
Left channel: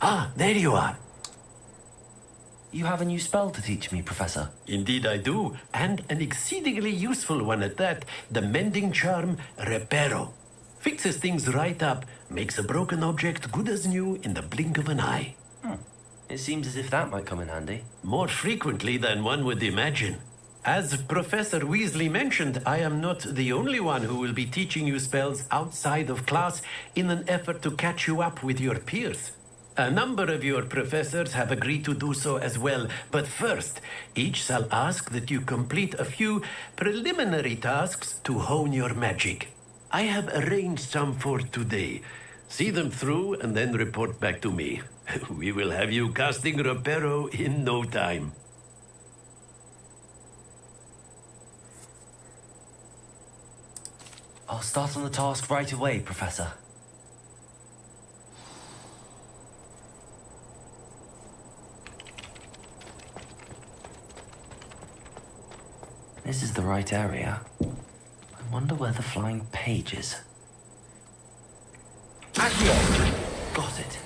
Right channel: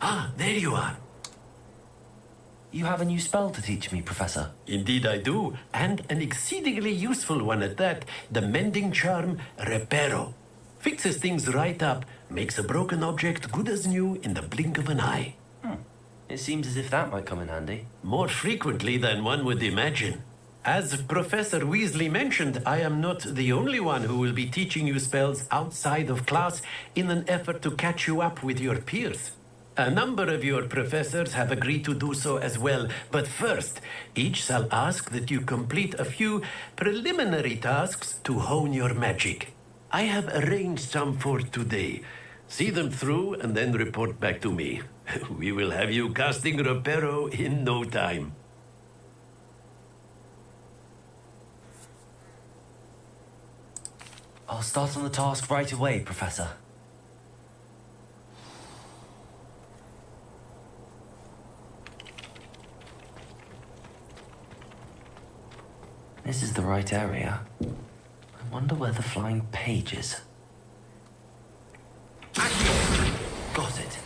Ah, there you are. You have a new spell to teach me, Professor. Indeed I do, and an exceedingly useful one at that. The mending charm, Reparo. Fixes things right up, makes a broken object good as new in the blink of an eye. It seems as if that might come in handy. More frequently than one would imagine. As Professor Weasley mentioned, I am not the only one who will be teaching you spells outside of class in an effort to catch you up with your peers. A number of your professors have agreed to do so as well, but first, each shall ask that you complete a few preliminary tasks to hone your magic. I have arranged some for today. See them through and then report back to me. We will have you casting Reparo in no time. I'll start on the task right away, Professor. This is the right area. I wonder where the flying page is. Accio! Got it.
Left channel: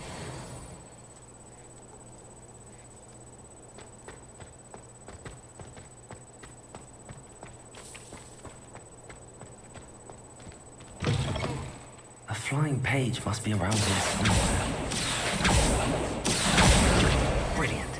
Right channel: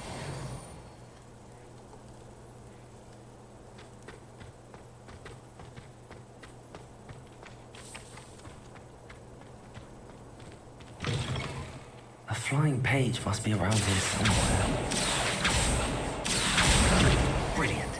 A flying page must be around here somewhere. Brilliant.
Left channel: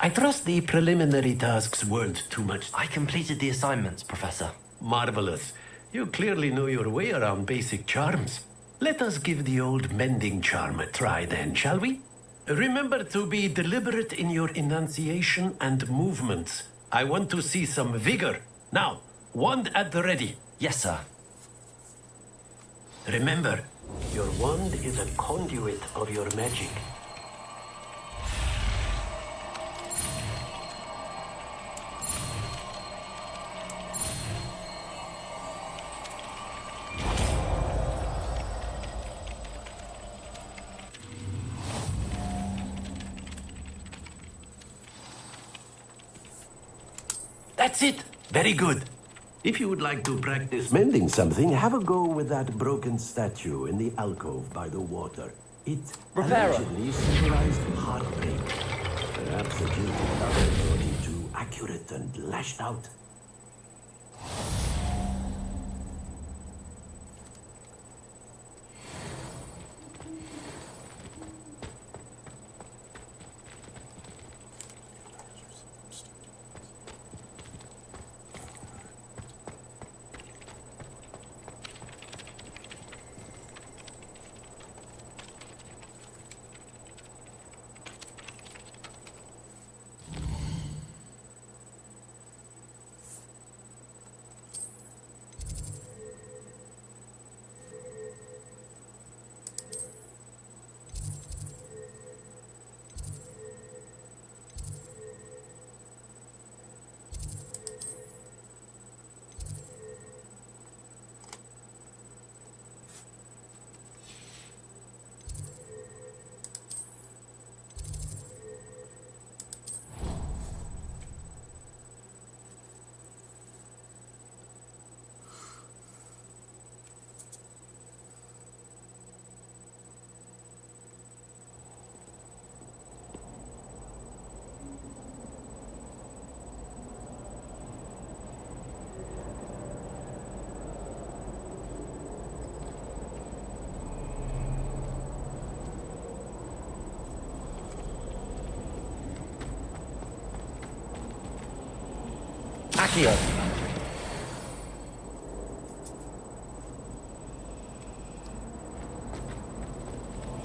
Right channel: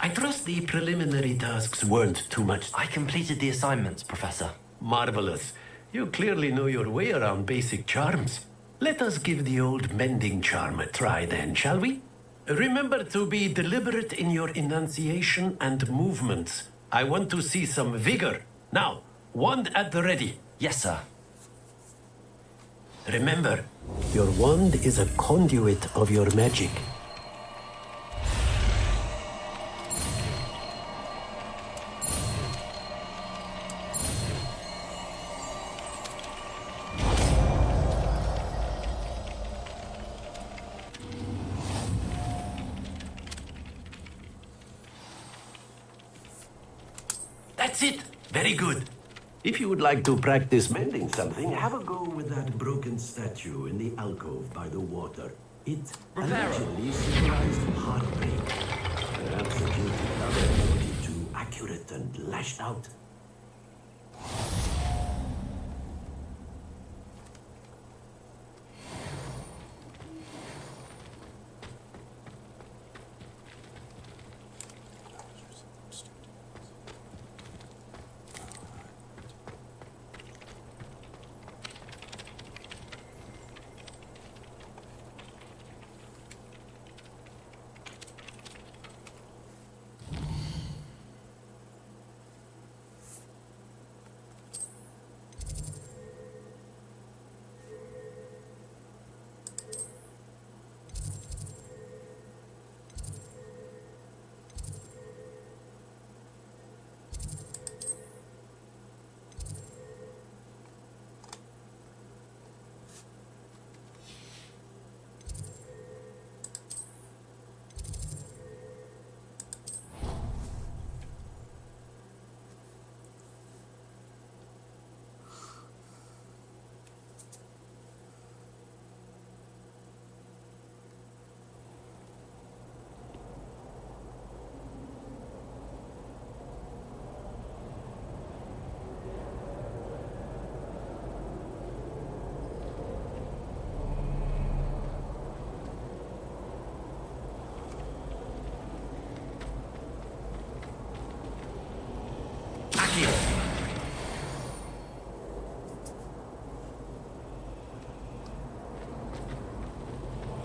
I trust the preliminary tasks weren't too much. I completed the assignments, Professor. Marvelous. You clearly know your way around basic charms. Let us give the old mending charm a try then, shall we? Remember to be deliberate in your enunciation and movements. I want to see some vigor. Now, wand at the ready. Yes, sir. Remember, your wand is a conduit of your magic. That's it. Very good. If you would like to practice mending something, have a go with that broken statue in the alcove by the water. It allegedly symbolized heartbreak. Perhaps the jilted lover thought it too accurate and lashed out. Accio.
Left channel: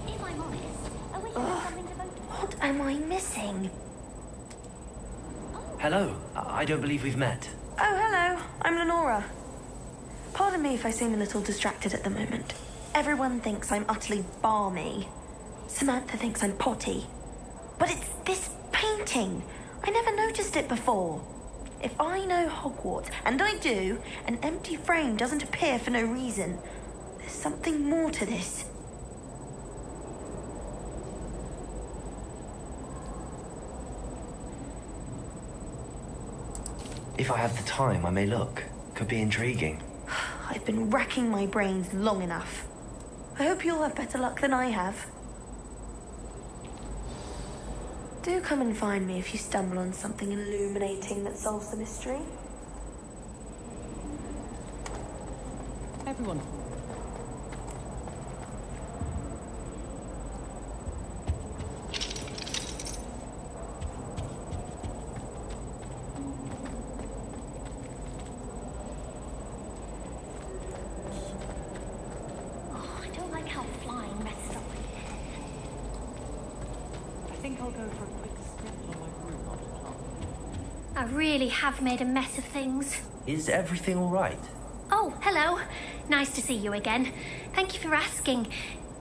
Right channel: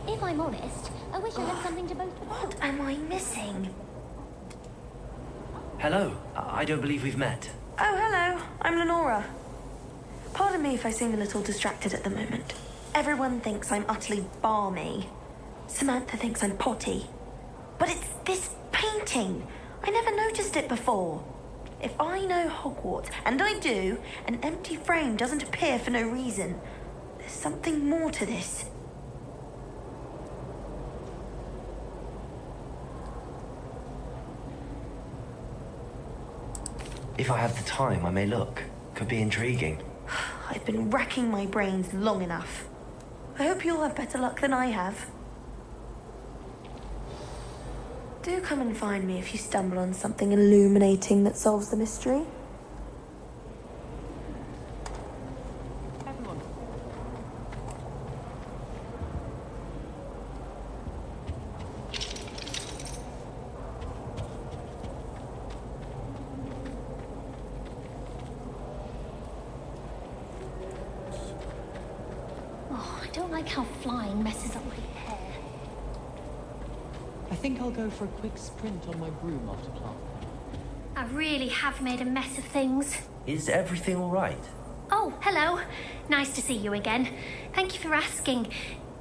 If I'm honest, I wish I had something to both. What am I missing? Hello. I don't believe we've met. Oh, hello. I'm Lenora. Pardon me if I seem a little distracted at the moment. Everyone thinks I'm utterly balmy. Samantha thinks I'm potty. But it's this painting. I never noticed it before. If I know Hogwarts, and I do, an empty frame doesn't appear for no reason. There's something more to this. If I have the time, I may look. Could be intriguing. I've been racking my brains long enough. I hope you'll have better luck than I have. Do come and find me if you stumble on something illuminating that solves the mystery. Oh, I don't like how flying messes up my hair. I think I'll go for a quick sprint on my room after class. I really have made a mess of things. Is everything all right? Oh, hello. Nice to see you again. Thank you for asking.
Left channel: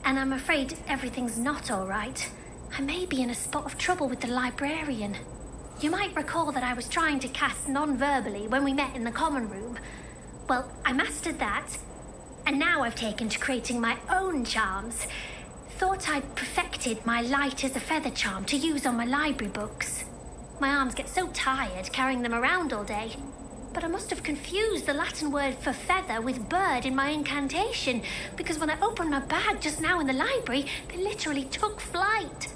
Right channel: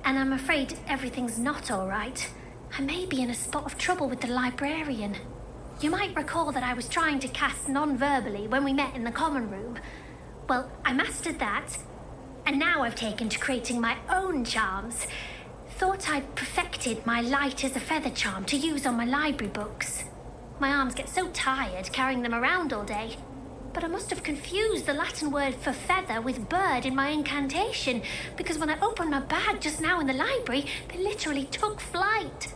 And I'm afraid everything's not all right. I may be in a spot of trouble with the librarian. You might recall that I was trying to cast non-verbally when we met in the common room. Well, I mastered that, and now I've taken to creating my own charms. Thought I'd perfected my light as a feather charm to use on my library books. My arms get so tired carrying them around all day. But I must have confused the Latin word for feather with bird in my incantation, because when I opened my bag just now in the library, they literally took flight.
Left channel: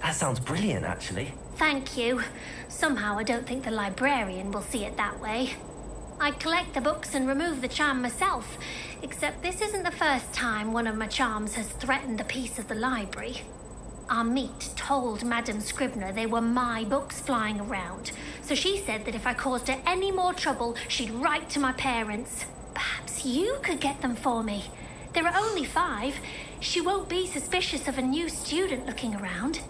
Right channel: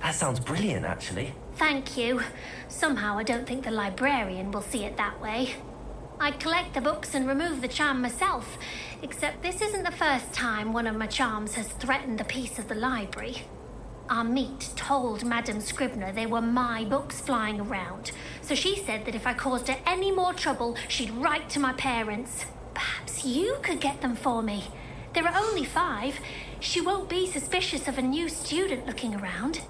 That sounds brilliant, actually. Thank you. Somehow I don't think the librarian will see it that way. I collect the books and remove the charm myself, except this isn't the first time one of my charms has threatened the peace of the library. Our meet told Madame Scribner they were my books flying around, so she said that if I caused her any more trouble, she'd write to my parents. Perhaps you could get them for me. There are only 5. She won't be suspicious of a new student looking around.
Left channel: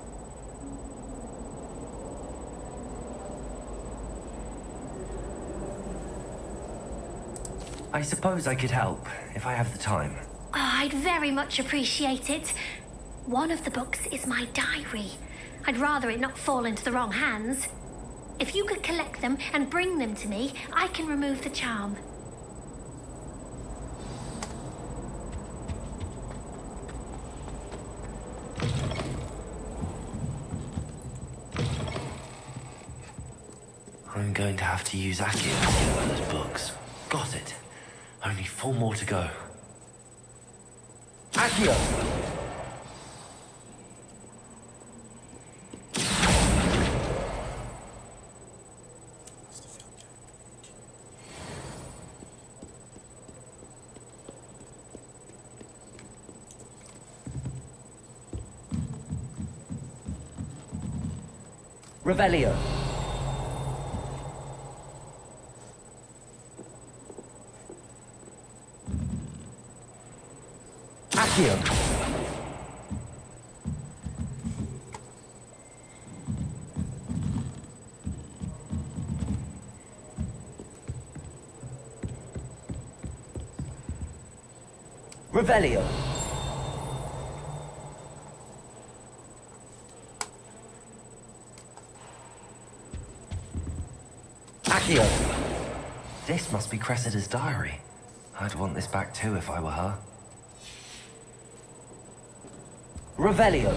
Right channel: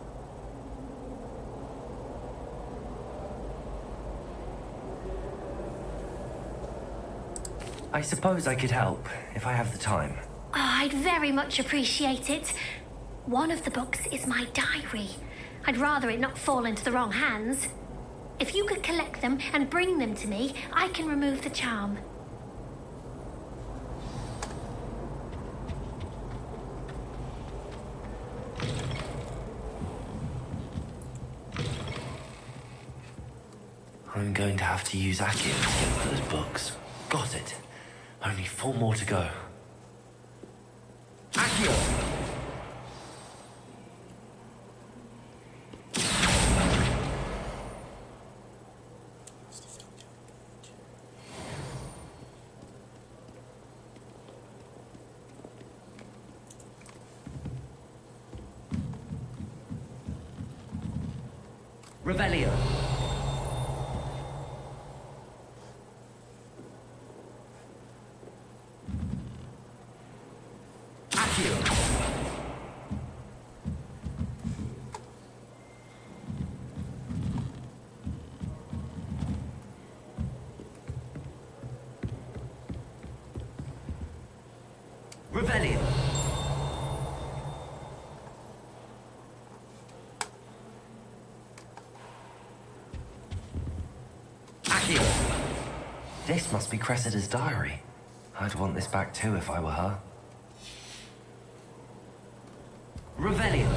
I suppose I could help, if I have the time. Oh, I'd very much appreciate it. One of the books is my diary. I'd rather it not fall into the wrong hands. If you could collect them and bring them to me, I can remove the charm. I'm going to have to use Accio to get those books. Got it. Only 4 more to go. Accio! Revelio. Accio. Revelio. Accio. This must be Cressida's diary. I'd want this back too if I were her. Revelio.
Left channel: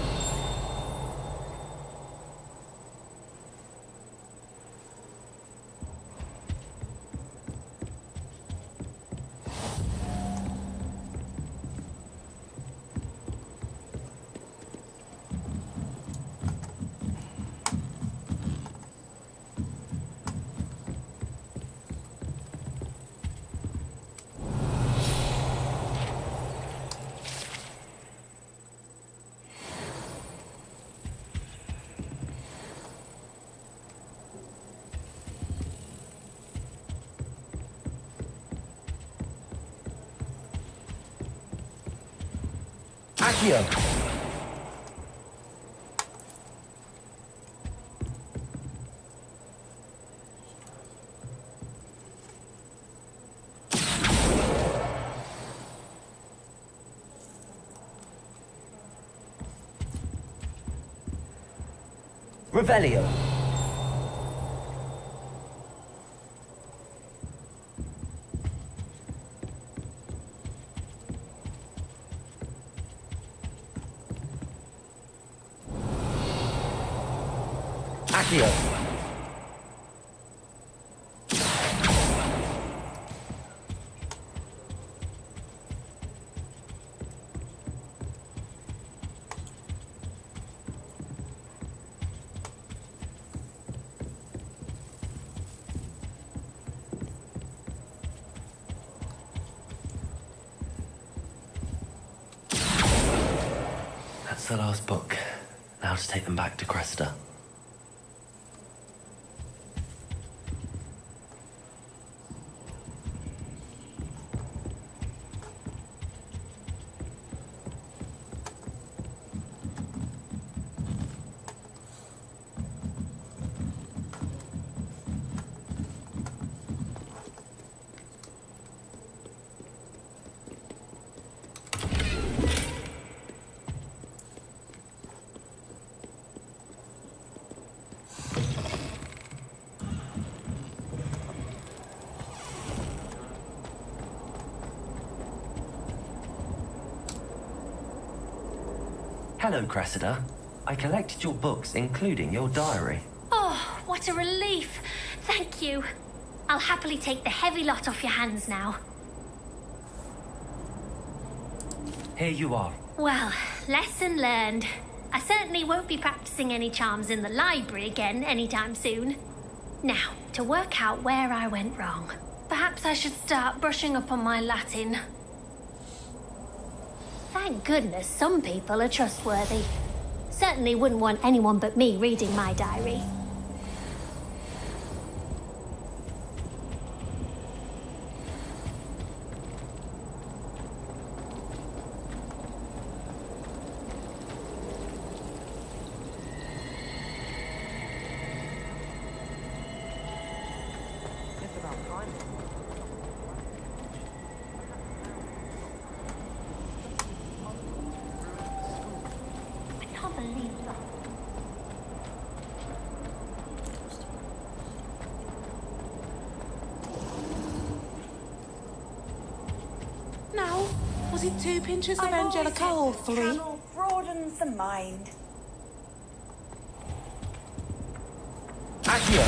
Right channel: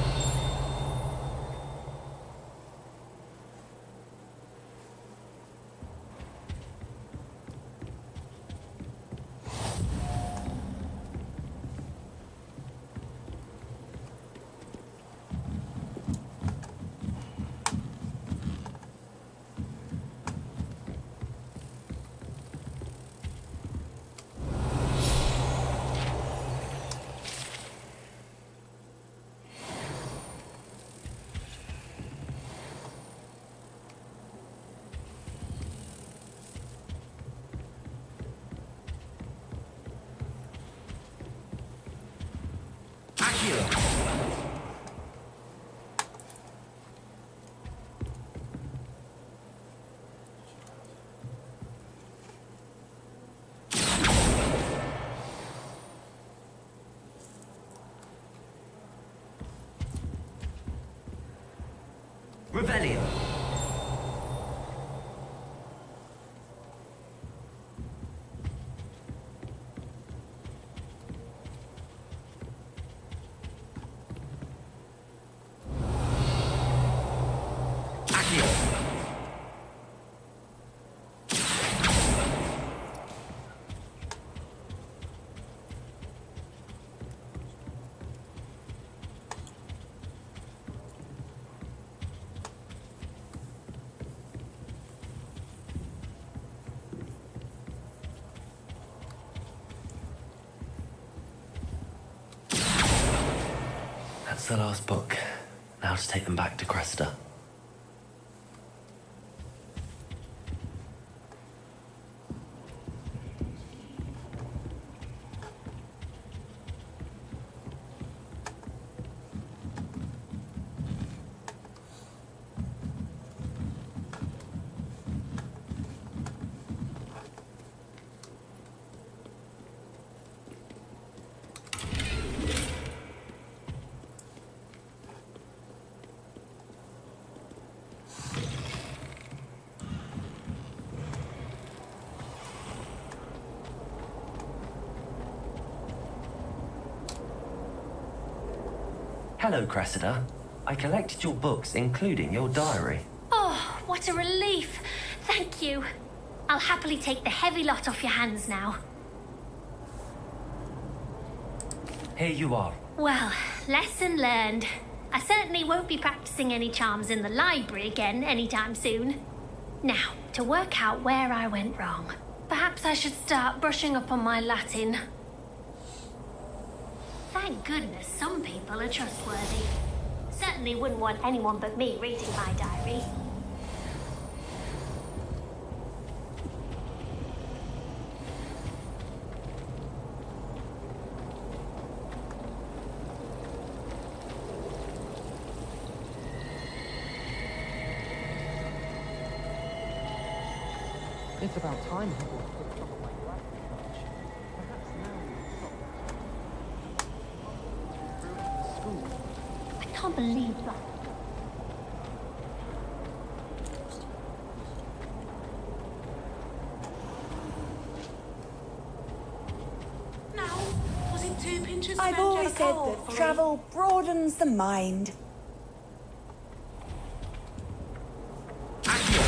Accio. Revelio. Accio. That's the last book. Now to take them back to Cressida. Hello, Cressida. I collected your books, including your diary. Oh, what a relief. Thank you. I'll happily take the heavy lot off your hands now. Here you are. Well, lesson learned. I certainly won't be practicing any charms in the library again anytime soon. Now, to work out where I went wrong. Perhaps I should start brushing up on my Latin. Thank goodness some people are trustworthy. Certainly wouldn't want anyone but me reading my diary. It's about time. I can't believe that. Now, was it 2 pinches of I've always Angelica said or that 3? travel broadens the mind. Accio.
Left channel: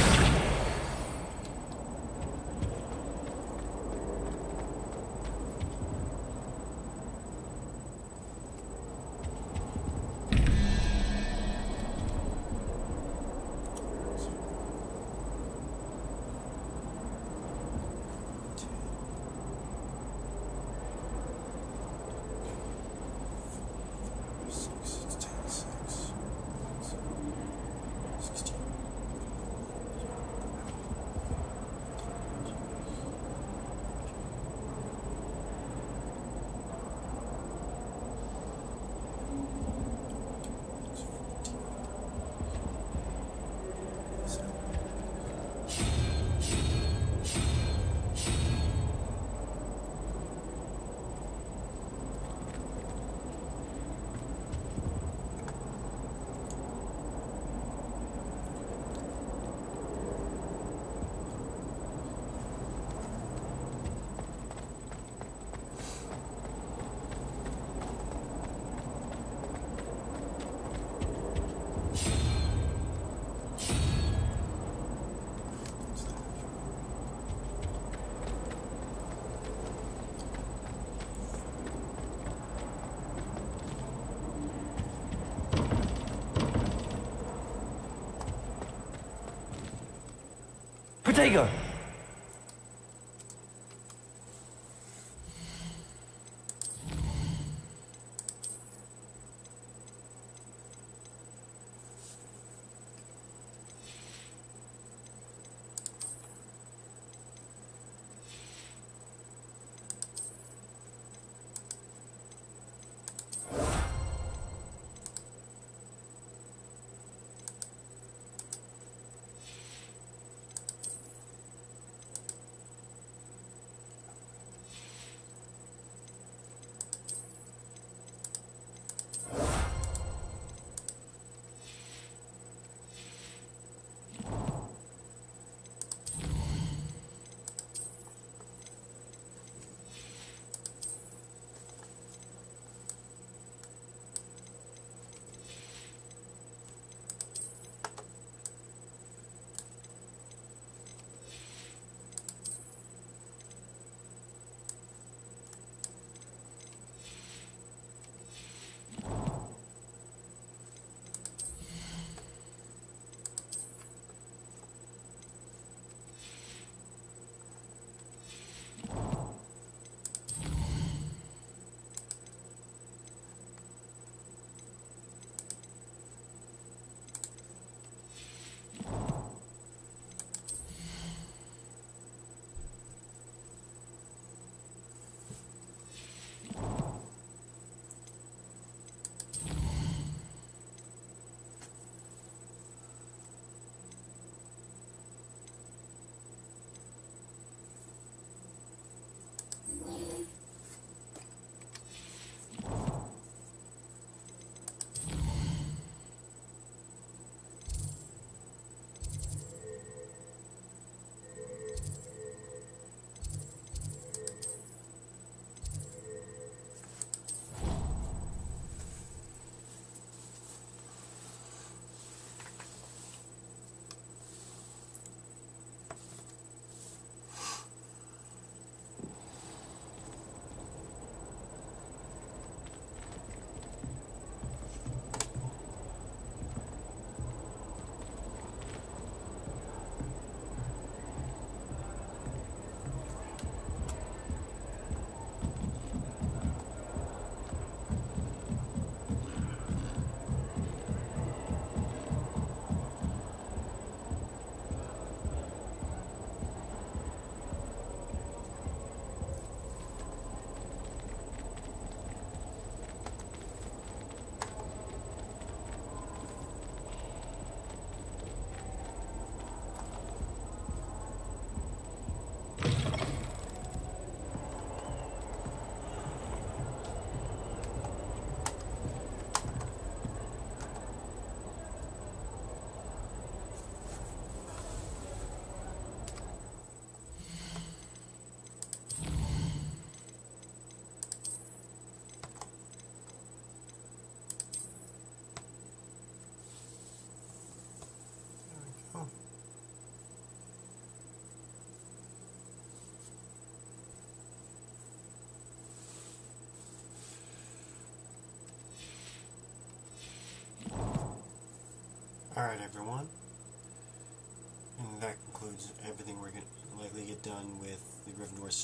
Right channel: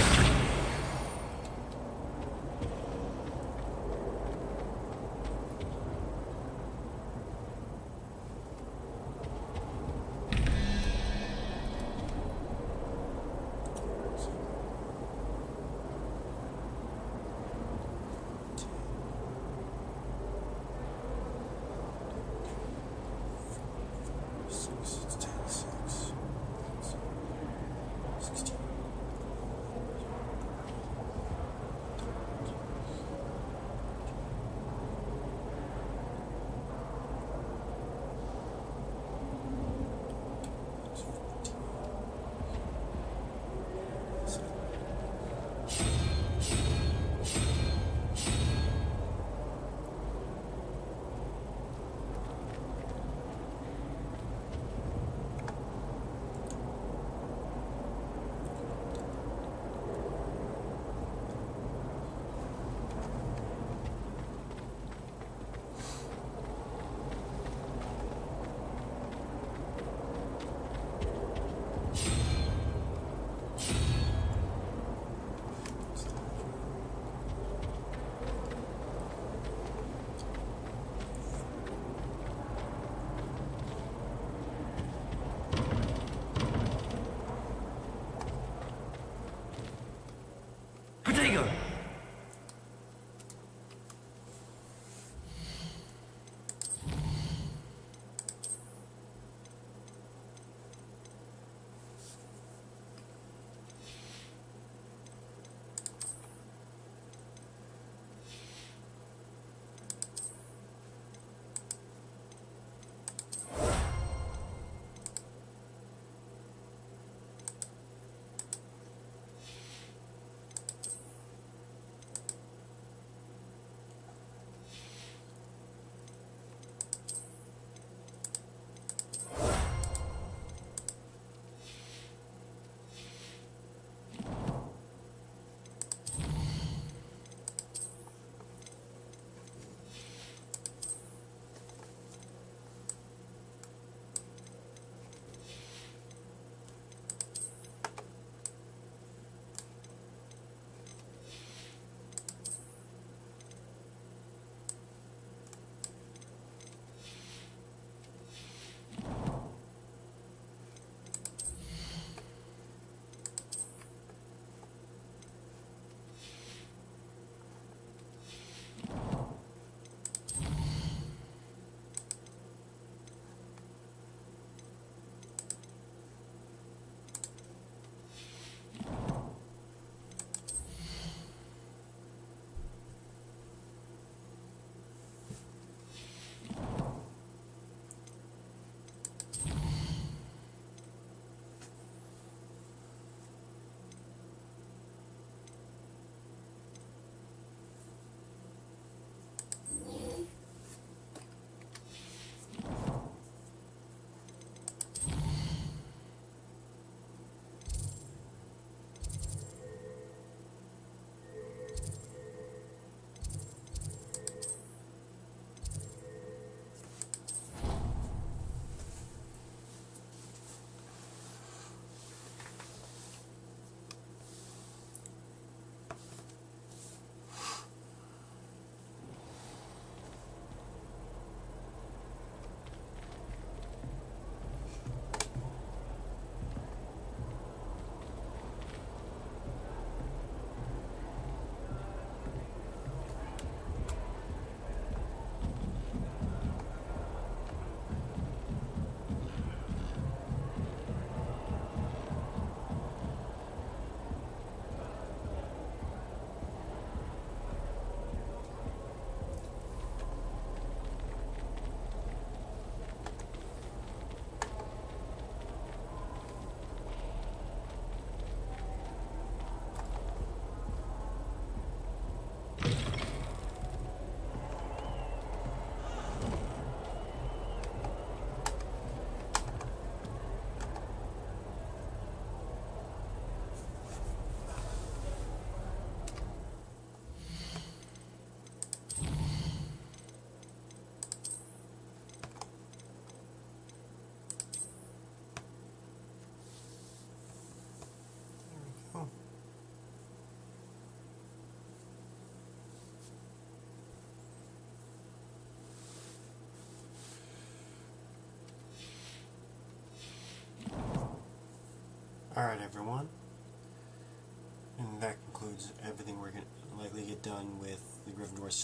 Protego!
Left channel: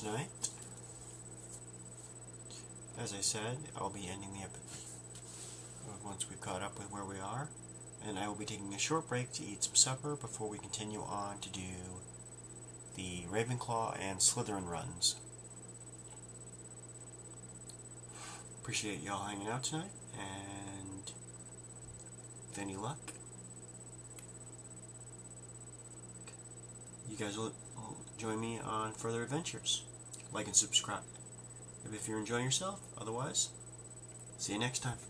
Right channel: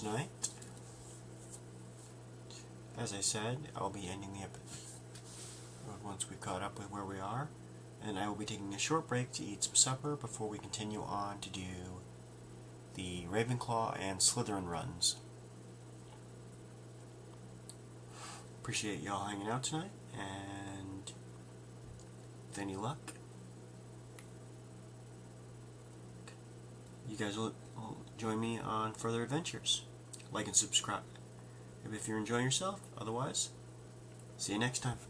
tonight. As I said, I'll be ending the episode once we're caught up with where we are, and I will be taking a short break to eat some supper before we continue on to do the Ravenclaw and Slytherin runs. Appreciate y'all hanging out tonight, and with any luck, you guys will join me on further adventures. Like and subscribe. And if you're enjoying yourself, otherwise, see you next time.